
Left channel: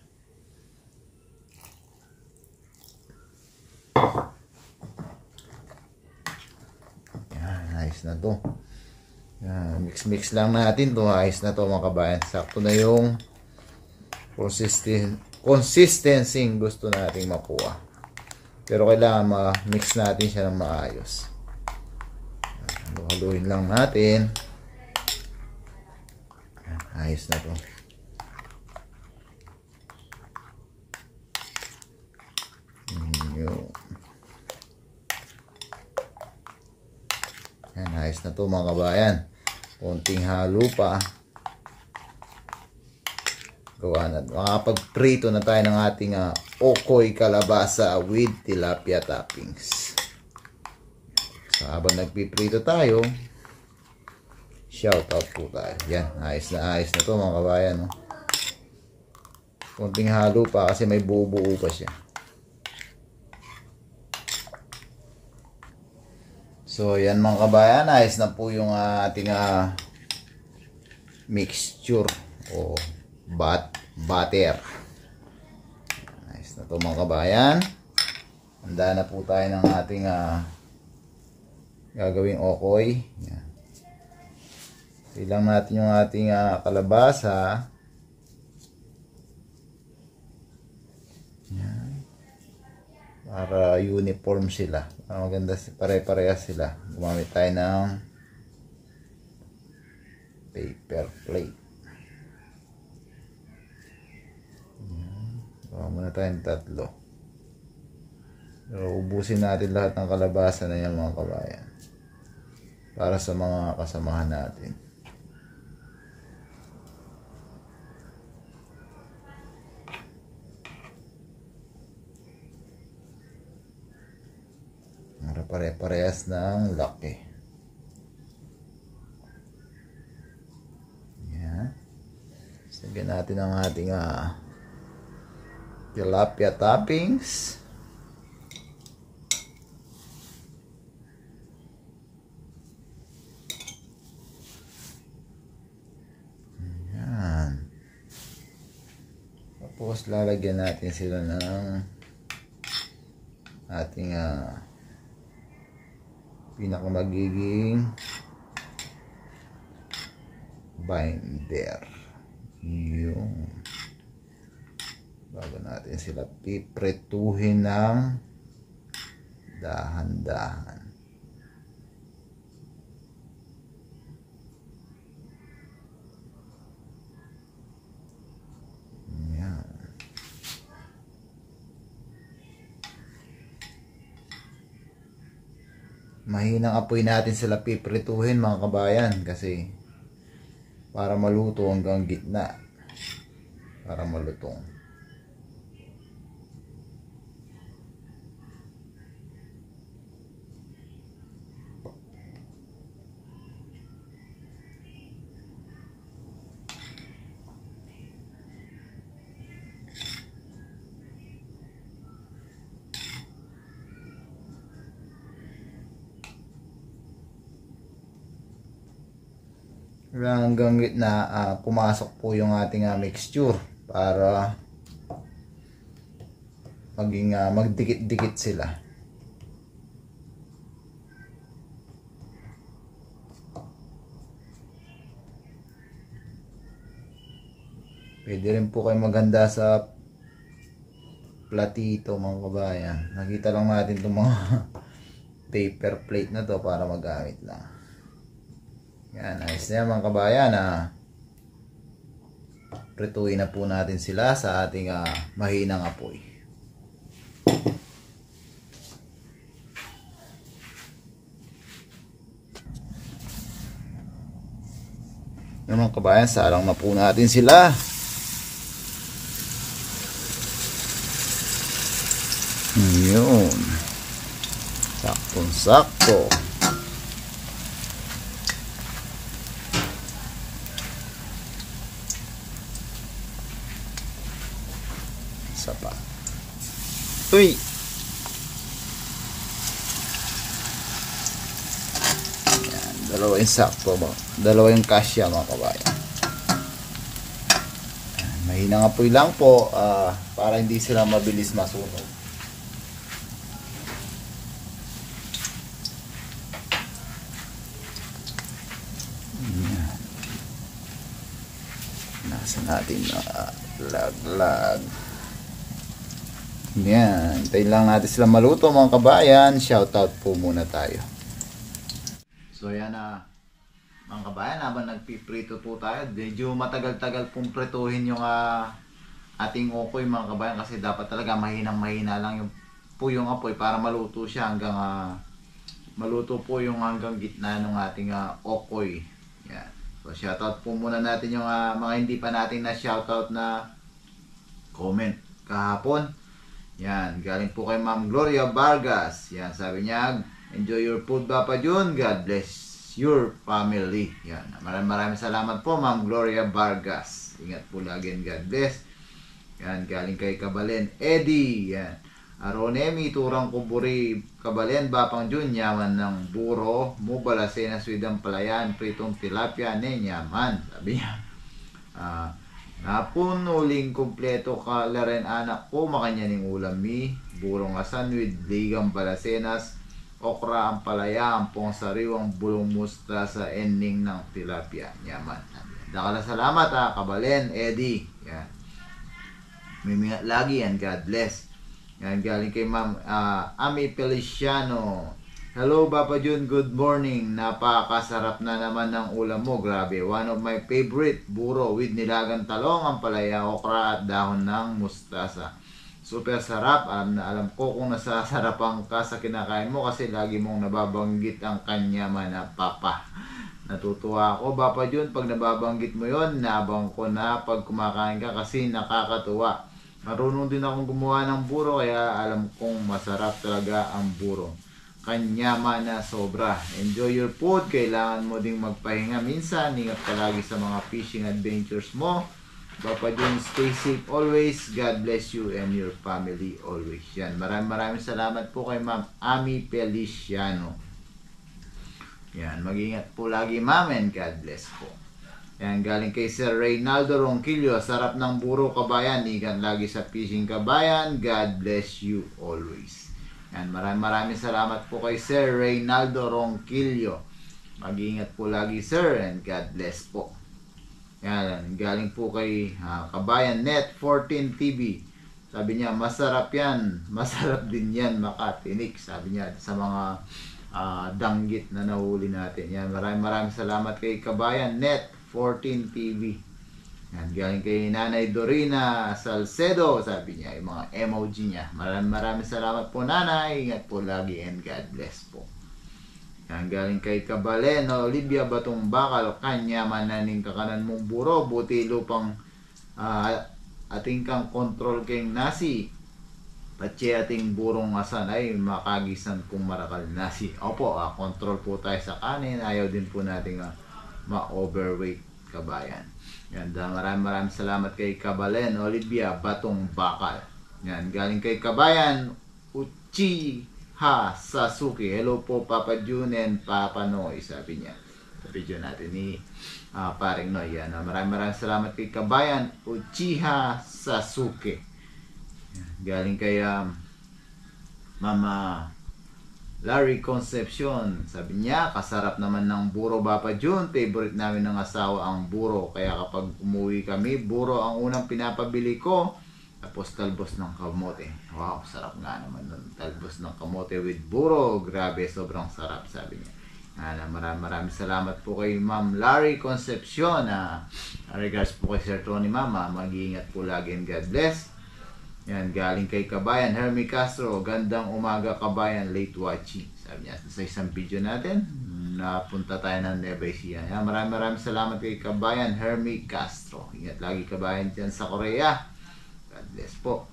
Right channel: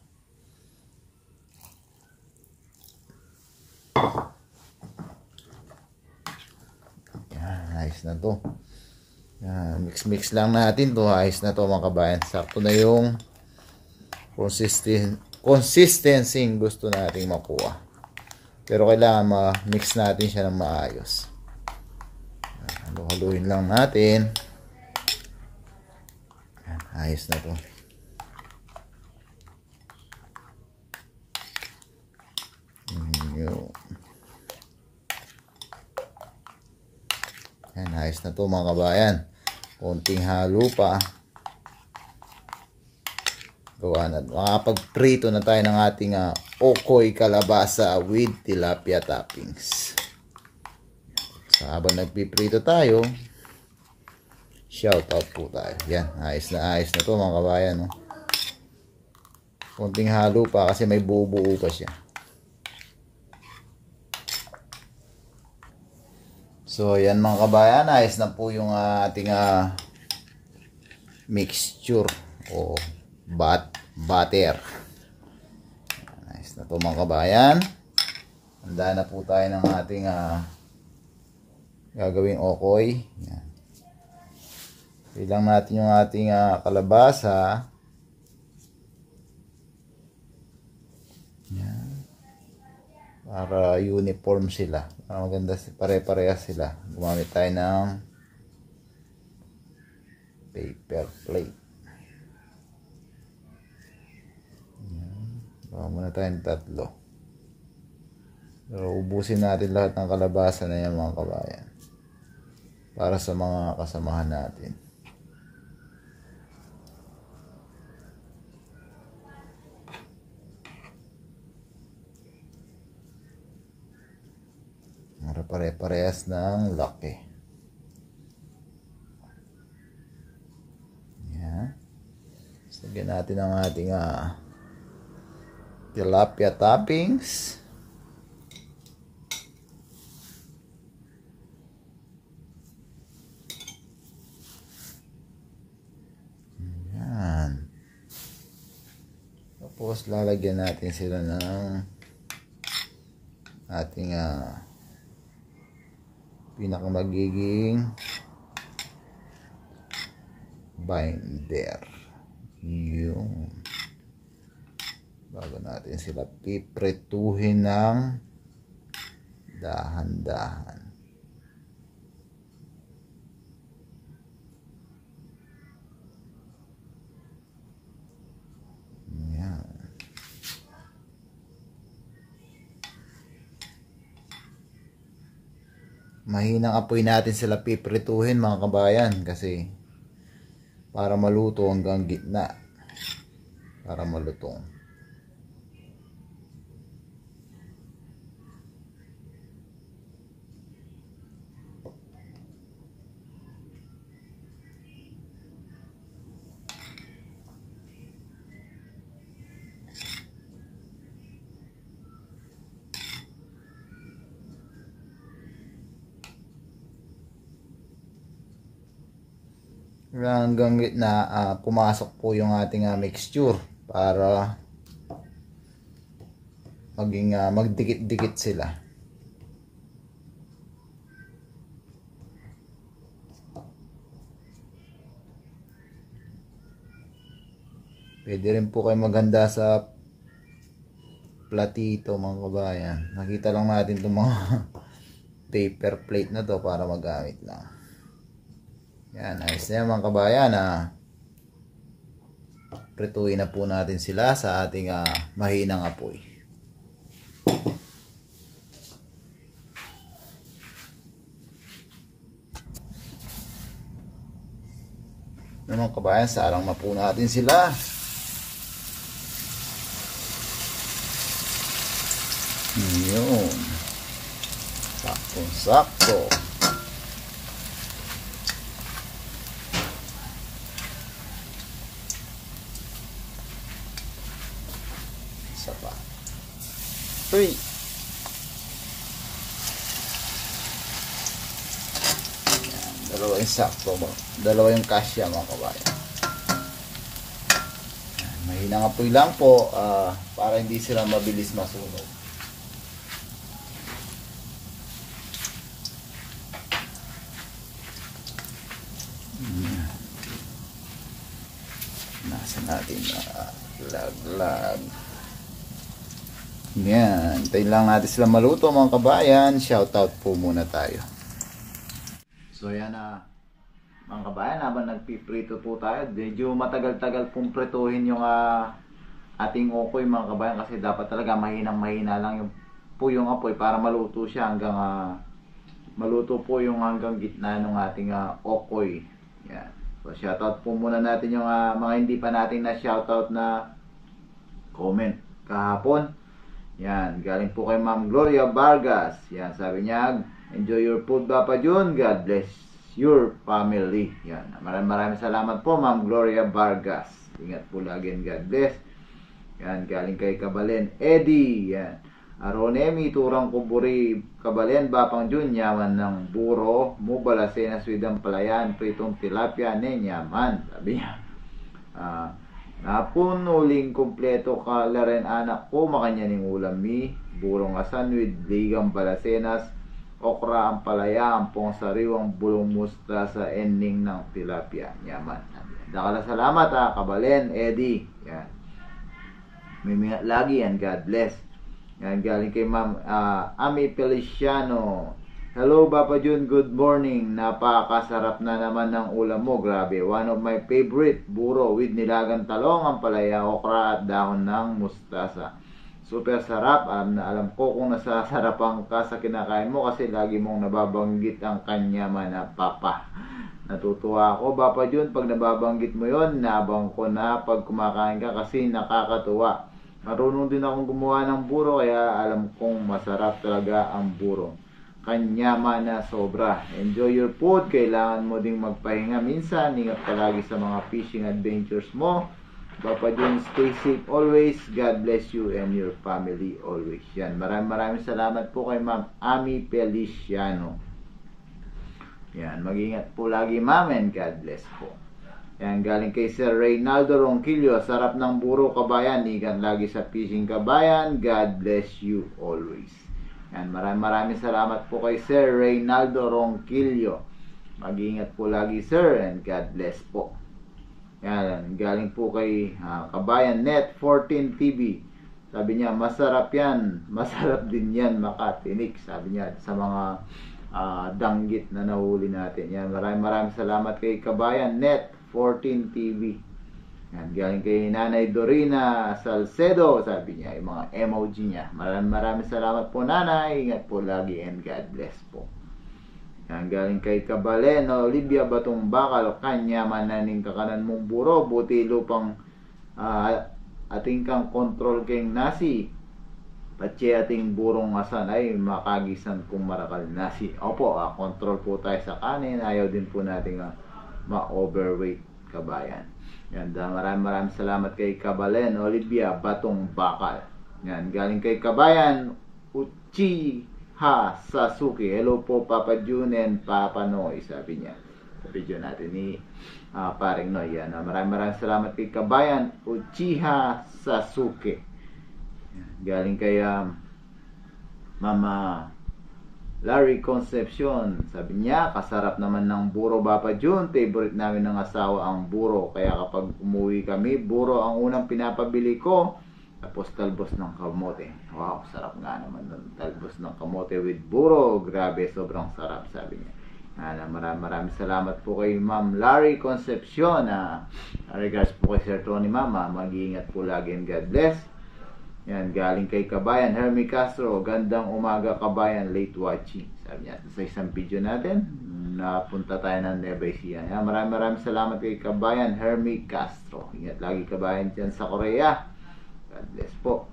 Ayos na to. Mix lang natin to. Ayos na to mga kabayan. Sakto na yung consistency gusto natin makuha. Pero kailangan ma-mix natin siya ng maayos. Haluin lang natin. Ayos na to. Ayos na to mga kabayan. Konting halo pa. Gawa na. Makapagprito na tayo ng ating okoy kalabasa with tilapia toppings. So habang nagpiprito tayo, shout out po tayo. Yan, ayos na to mga kabayan. No? Konting halo pa kasi may buo-buo pa siya. So yan mga kabayan, ayos na po yung ating mixture o butter. Ayos na po mga kabayan. Handa na po tayo ng ating gagawing okoy. Yan. Ilang natin yung ating kalabasa. Yan. Para uniform sila. Para maganda, pare-parehas sila. Gumamit tayo ng paper plate. Baka muna tayong 3. So, ubusin natin lahat ng kalabasa na yan mga kabayan. Para sa mga kasamahan natin. Para pare-parehas ng laki. Yan. Sagyan natin ang ating tilapia toppings. Yan. Tapos lalagyan natin sila ng ating pinakamagiging binder. Yung bago natin sila pipretuhin ng dahan-dahan. Yan. Mahinang apoy natin sila pipretuhin mga kabayan kasi para maluto hanggang gitna. Para malutong. Hanggang gitna pumasok po yung ating mixture para maging magdikit-dikit sila. Pwede rin po kayo maganda sa platito mga kabayan. Nakita lang natin itong mga paper plate na to para magamit lang. Yan, ayos na yan mga kabayan. Prituin na po natin sila sa ating mahinang apoy. Yan mga kabayan, salang na po natin sila. Yun. Saktong-sakto. Isa pa. Uy! Yan, dalawa yung sakto mo. Dalawa yung kasya mga kabayan. Mahinang apoy lang po para hindi sila mabilis masunog. Nasa natin laglag. Yan, tayo lang natin sila maluto mga kabayan. Shoutout po muna tayo. So yan mga kabayan, habang nagpiprito po tayo, medyo matagal-tagal pong prituhin yung ating okoy mga kabayan kasi dapat talaga mahinang-mahina lang yung apoy para maluto siya hanggang maluto po yung hanggang gitna ng ating okoy. Yan. So shoutout po muna natin yung mga hindi pa natin na shoutout na comment kahapon. Yan, galing po kay Ma'am Gloria Vargas. Yan, sabi niya, enjoy your food Papa Jun, God bless your family. Yan, maraming salamat po Ma'am Gloria Vargas. Ingat po lagi and God bless. Yan, galing kay Kabalen Eddie. Yan, Aronemi Turang Kuburi Kabalen Bapang Jun, yaman ng buro Mubalasena Swidang Palayan Pritong Tilapia Nenyaman. Sabi niya, napunuling kumpleto ka laren anak ko makanyaning ulam mi burong asan with ligang balasenas okra, ampalaya, ampong sariwang bulong mustasa, ending ng tilapia. Yaman. Dakala salamat ha, Kabalen, Eddie. Yan. Mimingat lagi yan. God bless. Yan, galing kay Ma'am Ami Feliciano. Hello, Papa Jun. Good morning. Napakasarap na naman ng ulam mo. Grabe. One of my favorite. Buro with nilagang talong, ampalaya, okra at dahon ng mustasa. Super sarap. Alam na alam ko kung nasasarapan ka sa kinakain mo kasi lagi mong nababanggit ang kanyaman na papa. Natutuwa ako, Papa Jun, pag nababanggit mo yon, naabang ko na pag kumakain ka kasi nakakatuwa. Marunong din akong gumawa ng buro kaya alam kong masarap talaga ang buro. Kanyama na sobra. Enjoy your food. Kailangan mo ding magpahinga minsan. Ingat palagi sa mga fishing adventures mo. Papa Jun, stay safe always. God bless you and your family always. Yan. Maraming salamat po kay Ma'am Ami Feliciano. Yan, mag-ingat po lagi, ma'am, and God bless po. Yan, galing kay Sir Reynaldo Ronquillo. Sarap ng buro, kabayan. Ingat lagi sa fishing, kabayan. God bless you always. Yan, maraming salamat po kay Sir Reynaldo Ronquillo. Mag-ingat po lagi, sir, and God bless po. Yan, galing po kay Kabayan Net 14 TV. Sabi niya, masarap yan. Masarap din yan, makatinik. Sabi niya, sa mga danggit na nahuli natin. Yan, maraming salamat kay Kabayan Net 14 TV. Yan, galing kay Nanay Dorina Salcedo, sabi niya, yung mga emoji niya. Maraming salamat po, Nanay. Ingat po lagi and God bless po. Yan, galing kay Kabalen Olivia Batong Bakal, kanya mananing kakanan mong buro, buti lupang ating kang kontrol keng nasi. Patsi ating burong asan ay makagisan kung marakal nasi. Opo, control po tayo sa kanin. Ayaw din po natin ma-overweight, kabayan. Yan, maraming salamat kay Kabalen Olivia Batong Bakal. Yan, galing kay Kabayan Uchiha Sasuke. Hello po, Papa Jun and Papa Noy, sabi niya. Sa video natin ni Paring Noy. Yan, maraming salamat kay Kabayan Uchiha Sasuke. Galing kay Mama Larry Concepcion. Sabi niya, kasarap naman ng buro, Papa Jun. Favorite namin ng asawa ang buro. Kaya kapag umuwi kami, buro ang unang pinapabili ko. Tapos talbos ng kamote. Wow, sarap nga naman nun. Talbos ng kamote with buro. Grabe, sobrang sarap, sabi niya. Maraming salamat po kay Ma'am Larry Concepcion. Regards po kay Sir Tony, Mama. Mag-iingat po lagi and God bless. Yan, galing kay Kabayan Hermie Castro. Gandang umaga, kabayan, late watching. Sabi niya, sa isang video natin, napunta tayo ng Nueva Ecija. Yan, maraming salamat kay Kabayan Hermie Castro. Ingat lagi, kabayan, dyan sa Korea. God bless po.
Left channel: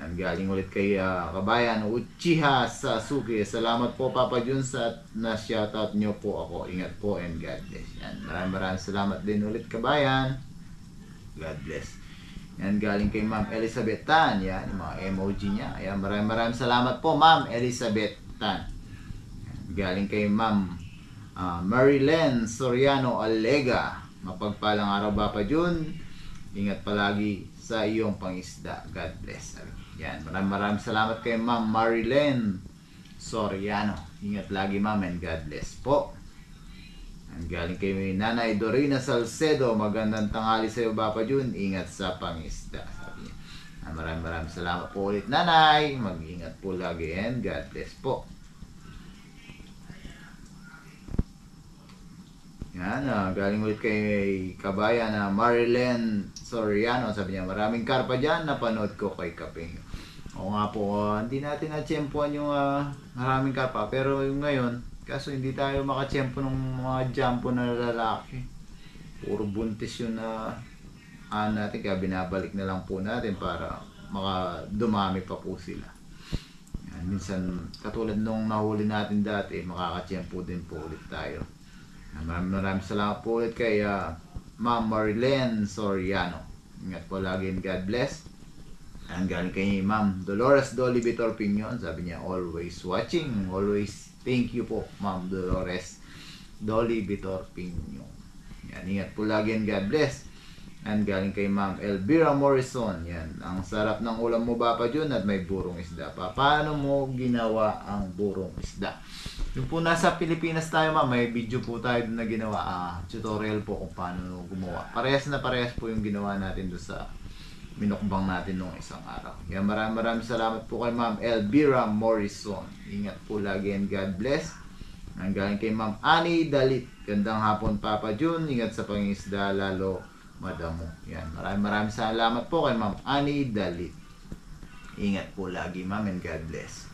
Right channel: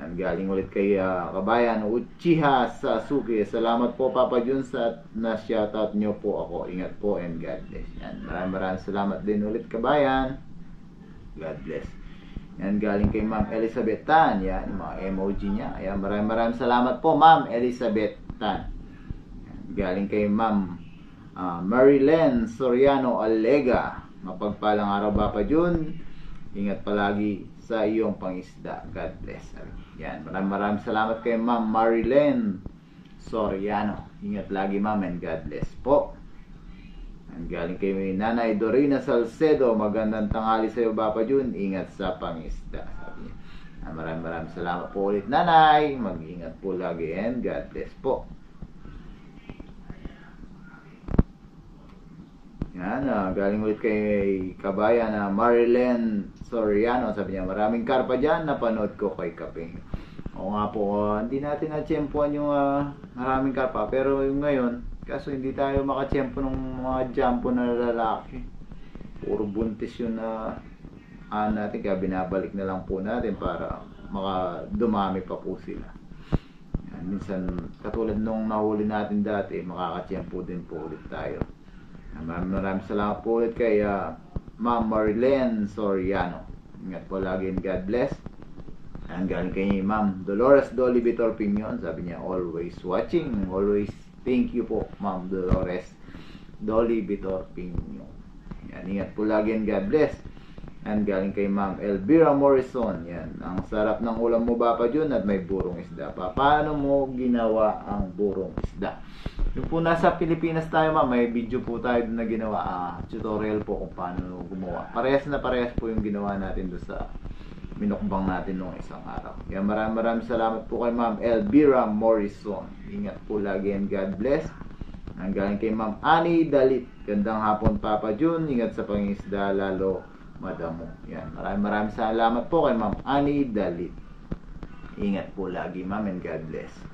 Yan, galing ulit kay Kabayan Uchiha Sasuke. Salamat po, Papa Jun, sa na-shoutout nyo po ako. Ingat po and God bless. Yan, maraming salamat din ulit, kabayan. God bless. Yan, galing kay Ma'am Elizabeth Tan. Yan, yung mga emoji niya. Yan, maraming salamat po, Ma'am Elizabeth Tan. Yan, galing kay Ma'am Marilyn Soriano Alega. Mapagpalang araw, Papa Jun. Ingat palagi sa iyong pangisda. God bless. Yan, maraming salamat kay Ma'am Marilyn Soriano. Ingat lagi, Ma'am, and God bless po. Ang galing kay Nanay Dorina Salcedo. Magandang tanghali sa iyo, Papa Jun. Ingat sa pangisda, sabi niya. Maraming salamat po ulit, Nanay. Mag-ingat po lagi and God bless po. Yan, galing ulit kay Kabayan Marilyn Soriano. Sabi niya, maraming karpa dyan. Napanood ko kay Kaping. Oo nga po, hindi natin na-tsempuan yung maraming karpa. Pero yung ngayon, kaso hindi tayo makatsyempo ng mga jumpo na lalaki. Puro buntis yun na natin. Kaya binabalik na lang po natin para dumami pa po sila. Yan, minsan, katulad nung nahuli natin dati, makakatsyempo din po ulit tayo. Maraming salamat po ulit kay Ma'am Marilyn Soriano. Ingat po lagi and God bless. Ang galing kay Ma'am Dolores Dolly Vitor Pinion. Sabi niya, always watching, always. Thank you po, Ma'am Dolores Dolly Vitor Pinion. Yan, ingat po lagi and God bless. And galing kay Ma'am Elvira Morrison. Yan, ang sarap ng ulam mo, Papa Jun, at may burong isda pa. Paano mo ginawa ang burong isda? Yung po nasa Pilipinas tayo ma'am, may video po tayo doon na ginawa, tutorial po kung paano gumawa. Parehas na parehas po yung ginawa natin doon sa minukbang natin nung isang araw. Kaya maraming salamat po kay Ma'am Elvira Morrison. Ingat po lagi and God bless. Ang galing kay Ma'am Annie Dalit. Gandang hapon Papa Jun. Ingat sa pangisda lalo madamo. Yan. Maraming salamat po kay Ma'am Annie Dalit. Ingat po lagi Ma'am and God bless.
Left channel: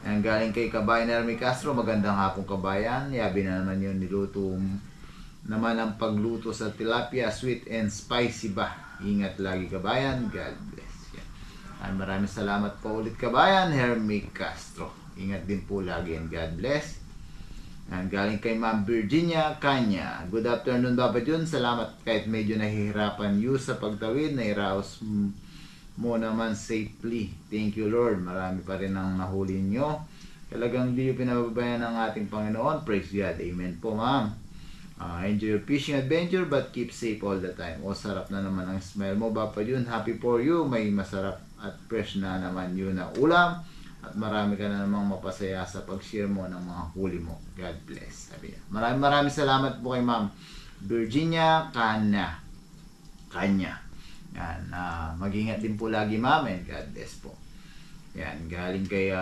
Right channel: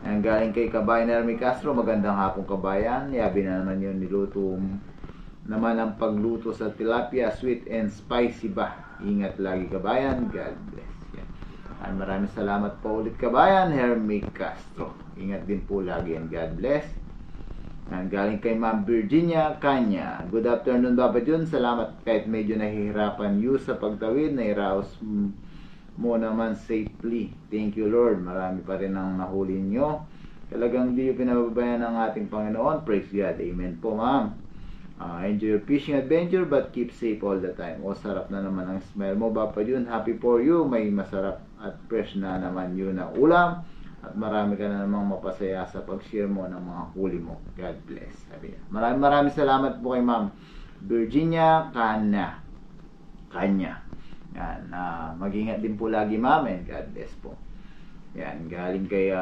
Ang galing kay Kabayan Hermie Castro. Magandang hapon Kabayan. Yabi na naman yun niluto naman ang pagluto sa tilapia, sweet and spicy ba. Ingat lagi Kabayan. God bless. Yan. Maraming salamat po ulit Kabayan Hermie Castro. Ingat din po lagi and God bless. Ang galing kay Ma'am Virginia Kanya. Good afternoon Papa Jun. Salamat kahit medyo nahihirapan you sa pagtawid. Nairaos mo naman safely. Thank you Lord. Marami pa rin ang nahuli nyo. Talagang di yung pinababayan ng ating Panginoon. Praise God. Amen po ma'am. Enjoy your fishing adventure but keep safe all the time. O sarap na naman ang smell mo Papa Jun. Happy for you. May masarap at fresh na naman yun na ulam. At marami ka na namang mapasaya sa pag-share mo ng mga huli mo. God bless. Sabi niya. Maraming salamat po kay Ma'am Virginia Kanya. Yan. Mag-ingat din po lagi Ma'am and God bless po. Yan. Galing kay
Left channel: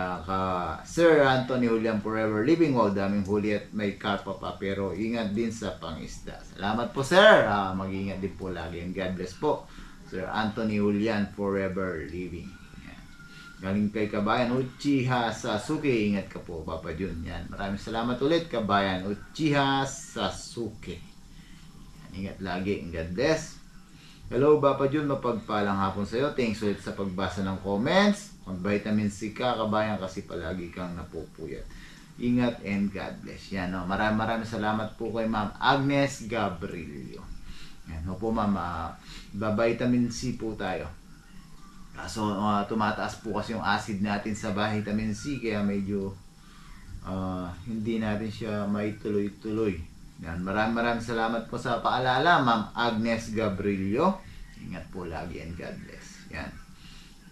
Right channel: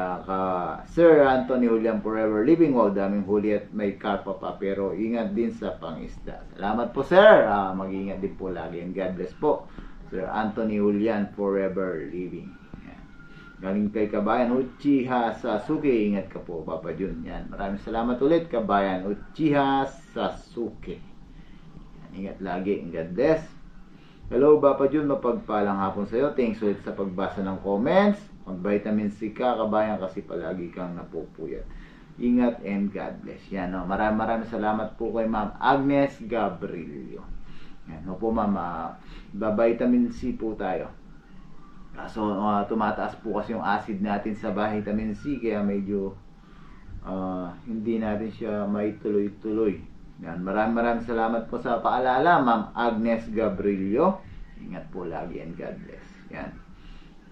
Sir Anthony Julian Forever Living. Wow, daming huli at may karpa pa. Pero ingat din sa pangisda. Salamat po Sir. Mag-ingat din po lagi and God bless po. Sir Anthony Julian Forever Living. Galing kay Kabayan Uchiha Sasuke. Ingat ka po Papa Jun. Yan. Maraming salamat ulit Kabayan Uchiha Sasuke. Yan. Ingat lagi. God bless. Hello Papa Jun. Mapagpalang hapon sa iyo. Thanks ulit sa pagbasa ng comments. Mag-vitamin C ka Kabayan kasi palagi kang napupuyat. Ingat and God bless. Yan. No? Maraming salamat po kay Ma'am Agnes Gabrilio. Yan. No po Ma'am. Vitamin C po tayo. So, tumataas po kasi yung acid natin sa vitamin C kaya medyo hindi natin siya maituloy-tuloy. Yan. Maraming salamat po sa paalala, Ma'am Agnes Gabrilio. Ingat po lagi and God bless. Yan.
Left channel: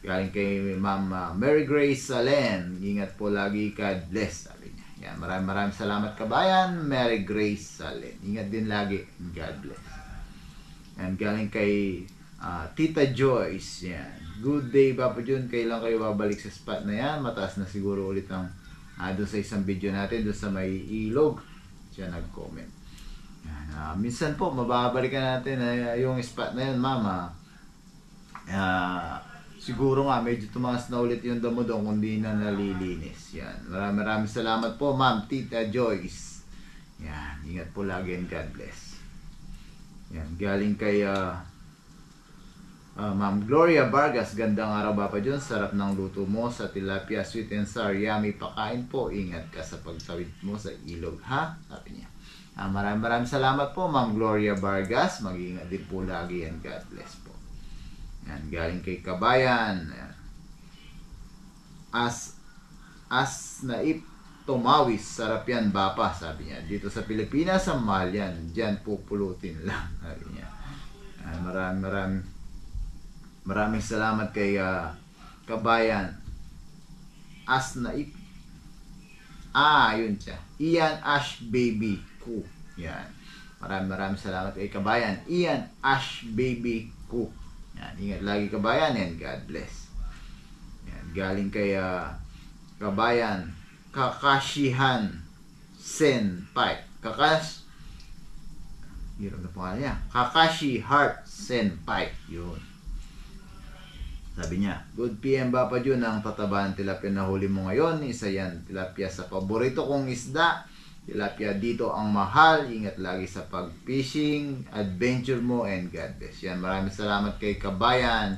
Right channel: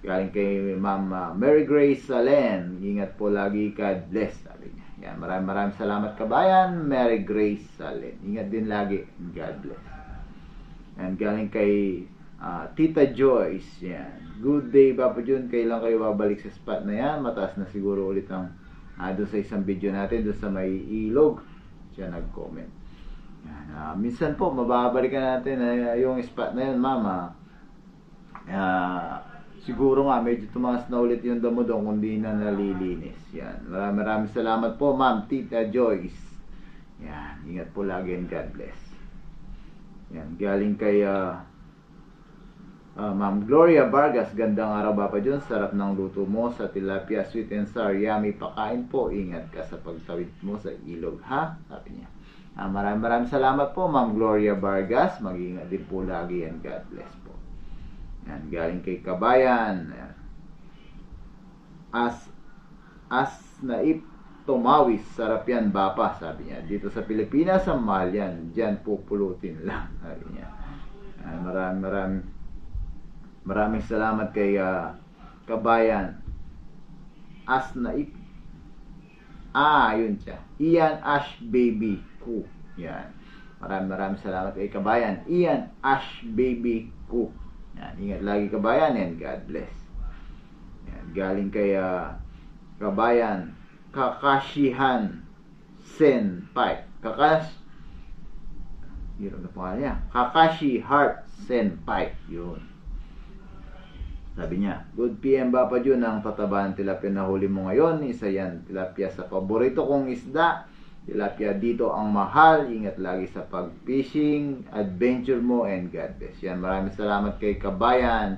Galing kay Ma'am Mary Grace Salen. Ingat po lagi, God bless. Sabi niya. Yan. Maraming salamat Kabayan, Mary Grace Salen. Ingat din lagi and God bless. Yan. Galing kay Tita Joyce. Yan. Good day Papa Jun, kailan kayo babalik sa spot na yan? Mataas na siguro ulit ang doon sa isang video natin, doon sa may ilog. Siya nag-comment. Minsan po, mababalikan natin yung spot na yun, mama. Siguro nga, medyo tumaas na ulit yung damo doon kung di na nalilinis. Yan. Maraming salamat po, Ma'am Tita Joyce. Yan. Ingat po lagi and God bless. Yan. Galing kay Ma'am Gloria Vargas, gandang araw Papa Jun. Sarap ng luto mo sa tilapia, sweet and sour, yummy. Pakain po, ingat ka sa pagtawid mo sa ilog, ha? Sabi niya. Maraming salamat po Ma'am Gloria Vargas. Mag-ingat din po lagi and God bless po. Yan, galing kay Kabayan. As naip tumawis, sarap yan Bapa, sabi niya. Dito sa Pilipinas, ang mahal yan. Diyan pupulutin lang, sabi niya. Maraming salamat kay Kabayan. Asnaip. Yun siya. Ian Ash Baby Ku. Yan. Maraming salamat kay Kabayan. Ian Ash Baby Ku. Yan. Ingat lagi Kabayan and God bless. Yan. Galing kay Kabayan. Kakashihan Senpai. Hirap na pangalan niya. Kakashi Heart Senpai. Yun. Sabi niya, good PM Papa Jun, ang tatabaan tilapia na huli mo ngayon. Isa yan, tilapia sa paborito kong isda. Tilapia dito ang mahal. Ingat lagi sa pag-fishing, adventure mo, and God bless. Yan, maraming salamat kay Kabayan.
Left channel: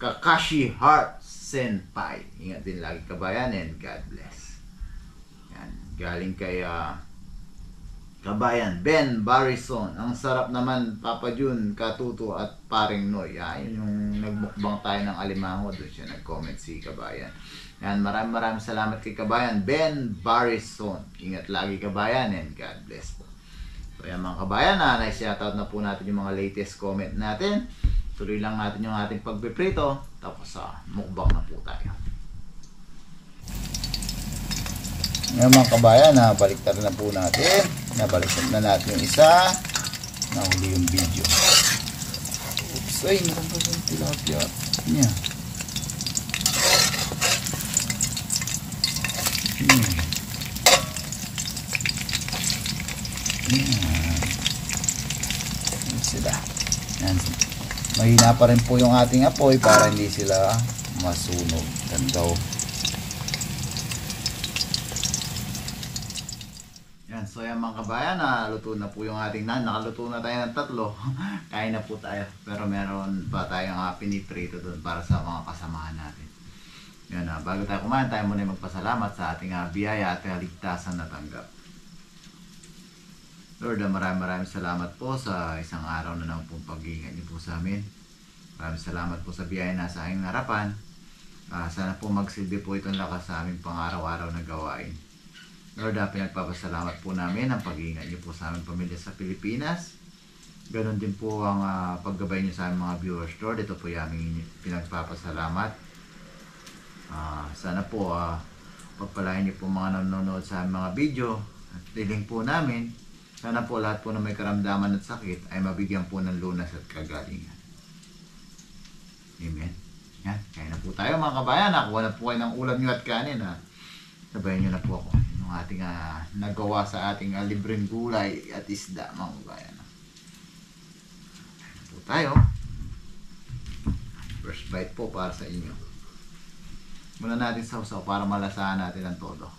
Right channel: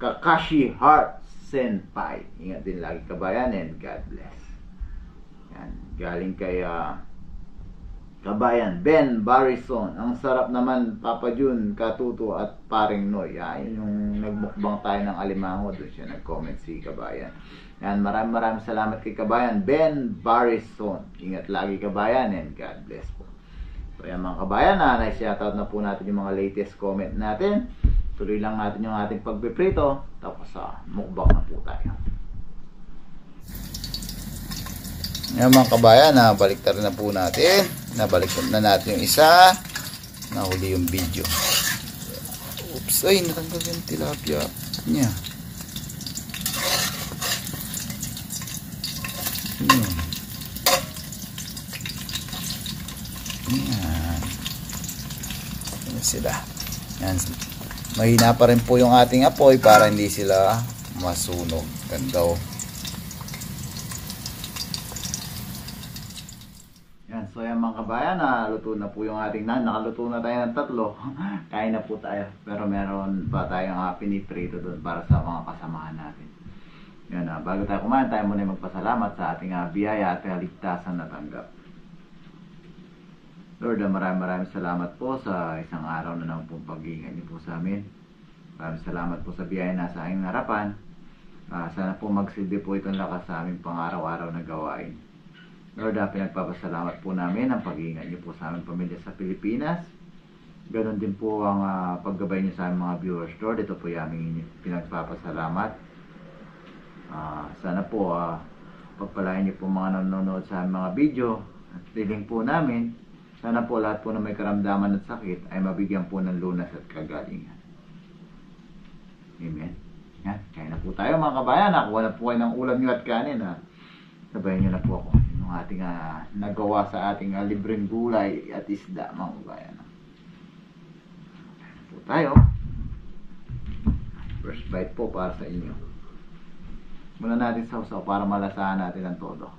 Kakashi Heart Senpai. Ingat din lagi Kabayan, and God bless. Yan, galing kay Kabayan, Ben Barrison. Ang sarap naman Papa Jun, Katuto at Paring Noy. Yun yung nagmukbang tayo ng alimango. Doon siya nag-comment si Kabayan. Yan, maraming salamat kay Kabayan, Ben Barrison. Ingat lagi Kabayan and God bless po. So yan mga Kabayan, na-shoutout na po natin yung mga latest comment natin. Tuloy lang natin yung ating pagpiprito. Tapos mukbang na po tayo. Ngayon mga kabayan, nabaliktad na po natin. Nabaliktad na natin yung isa. Nahuli yung video. Oops, ay natanggal yung tilapia niya. Yan sila. Yan. Mahina pa rin po yung ating apoy para hindi sila masunog. Ganda. Yan, so yan mga kabayan, luto na po yung ating nakaluto na tayo ng 3. Kain na po tayo. Pero meron pa tayong piniprito doon para sa mga kasamahan natin. Yan, bago tayo kumain, tayo muna magpasalamat sa ating biyaya at kaligtasan na tanggap. Lord, maraming salamat po sa isang araw na naman pong pag-iingat niyo po sa amin. Maraming salamat po sa biyaya na sa aking harapan. Sana po magsilbi po itong lakas sa aming pang-araw-araw na gawain. Lord, pinagpapasalamat po namin ang pag-iingat niyo po sa aming pamilya sa Pilipinas. Ganon din po ang paggabay niyo sa aming mga viewers. Lord, ito po yung aming pinagpapasalamat. Sana po pagpalain niyo po mga nanonood sa aming mga video at tiling po namin. Sana po lahat po na may karamdaman at sakit ay mabigyan po ng lunas at kagalingan. Amen. Yan, kaya na po tayo mga kabayan. Nakuha na po kayo ng ulam nyo at kanin. Sabayan nyo na po ako yung ating nagawa sa ating libreng gulay at isda mga kabayan. Kaya na po tayo. First bite po para sa inyo. Muna natin sausaw para malasahan natin ang todo.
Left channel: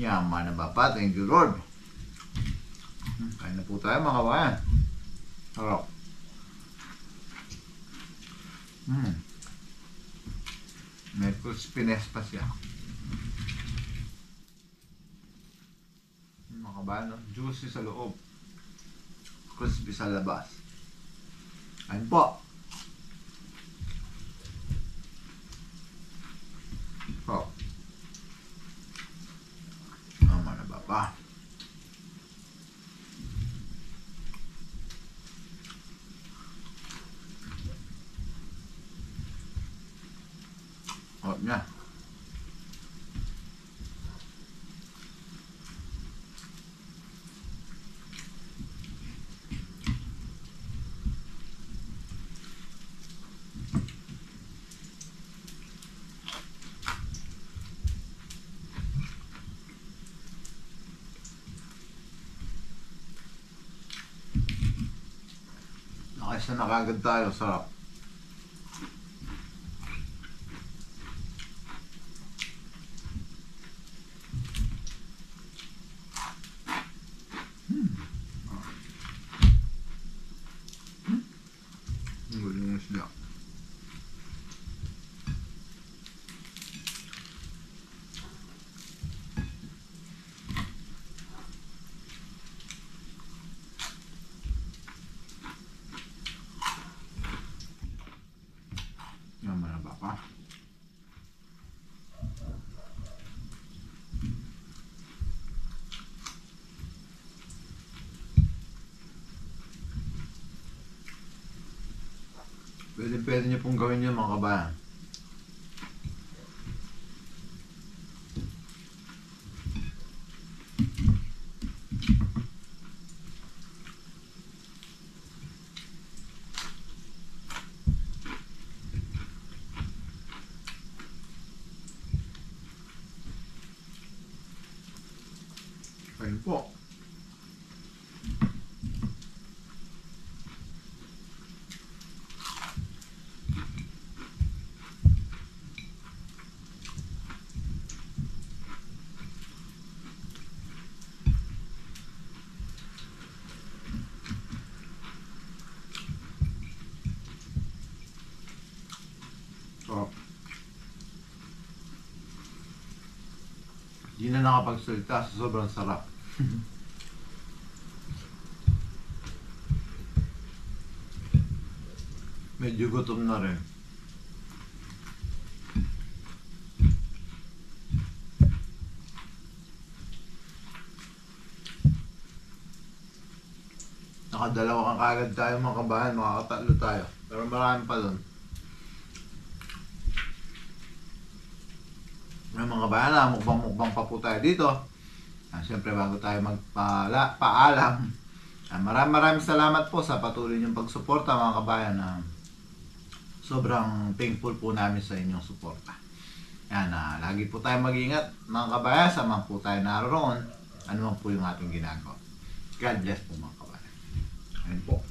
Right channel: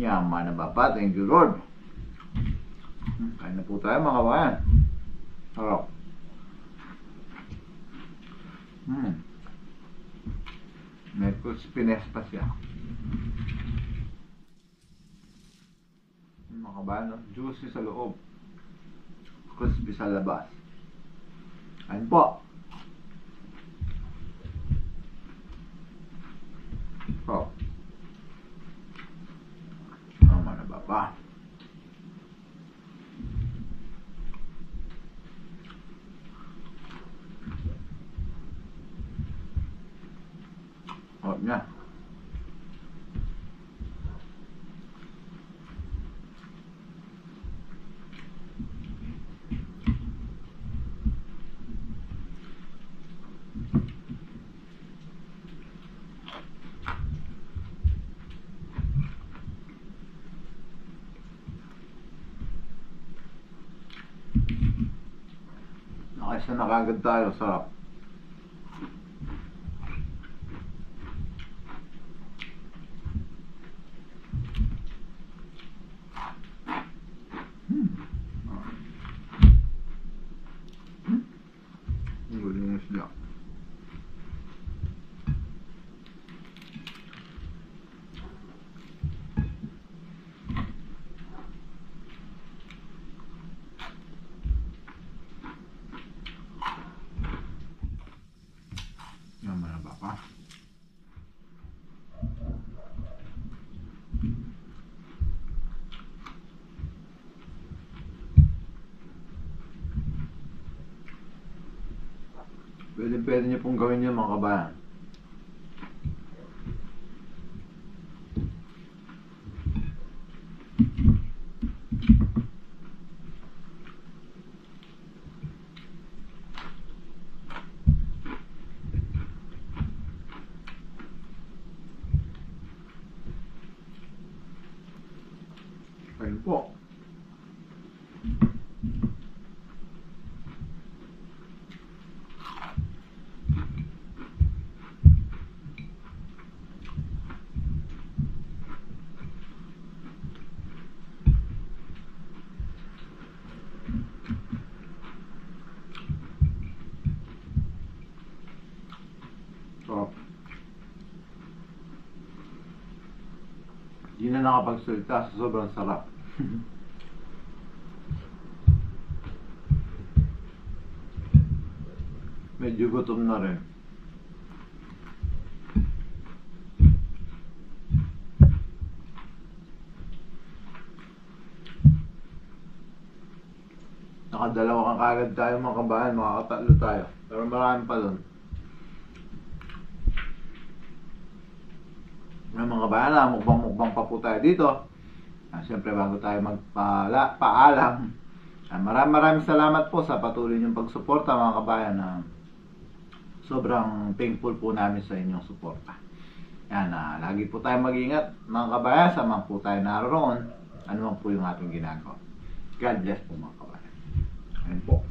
Yaman na bapa, thank you Lord. Kain na po tayo mga kabayan. Harap. May crispiness pa siya. Mga kabayan, no? Juicy sa loob, crispy sa labas. Kain po. Oh. Ba? Oh, niya. Nakisa na kagad tayo, sarap. Ang galing yung isda. Pwede niyo pong gawin yun mga kabayan. Ayun po. Di na nakapagsalita sa sobrang sarap. Medyo gutom na rin. Nakadalawa kang kagad tayo mga kabahan, makakatatlo tayo. Pero marami pa doon. Mga kabayan, mukbang pa po tayo dito. Siyempre bago tayo magpaalam, maraming salamat po sa patuloy niyong pagsuporta mga kabayan. Sobrang thankful po namin sa inyong suporta. Yan, lagi po tayo mag-ingat mga kabayan, saan po tayo naroon, ano man po yung ating ginagawa. God bless po mga kabayan. Ayun po.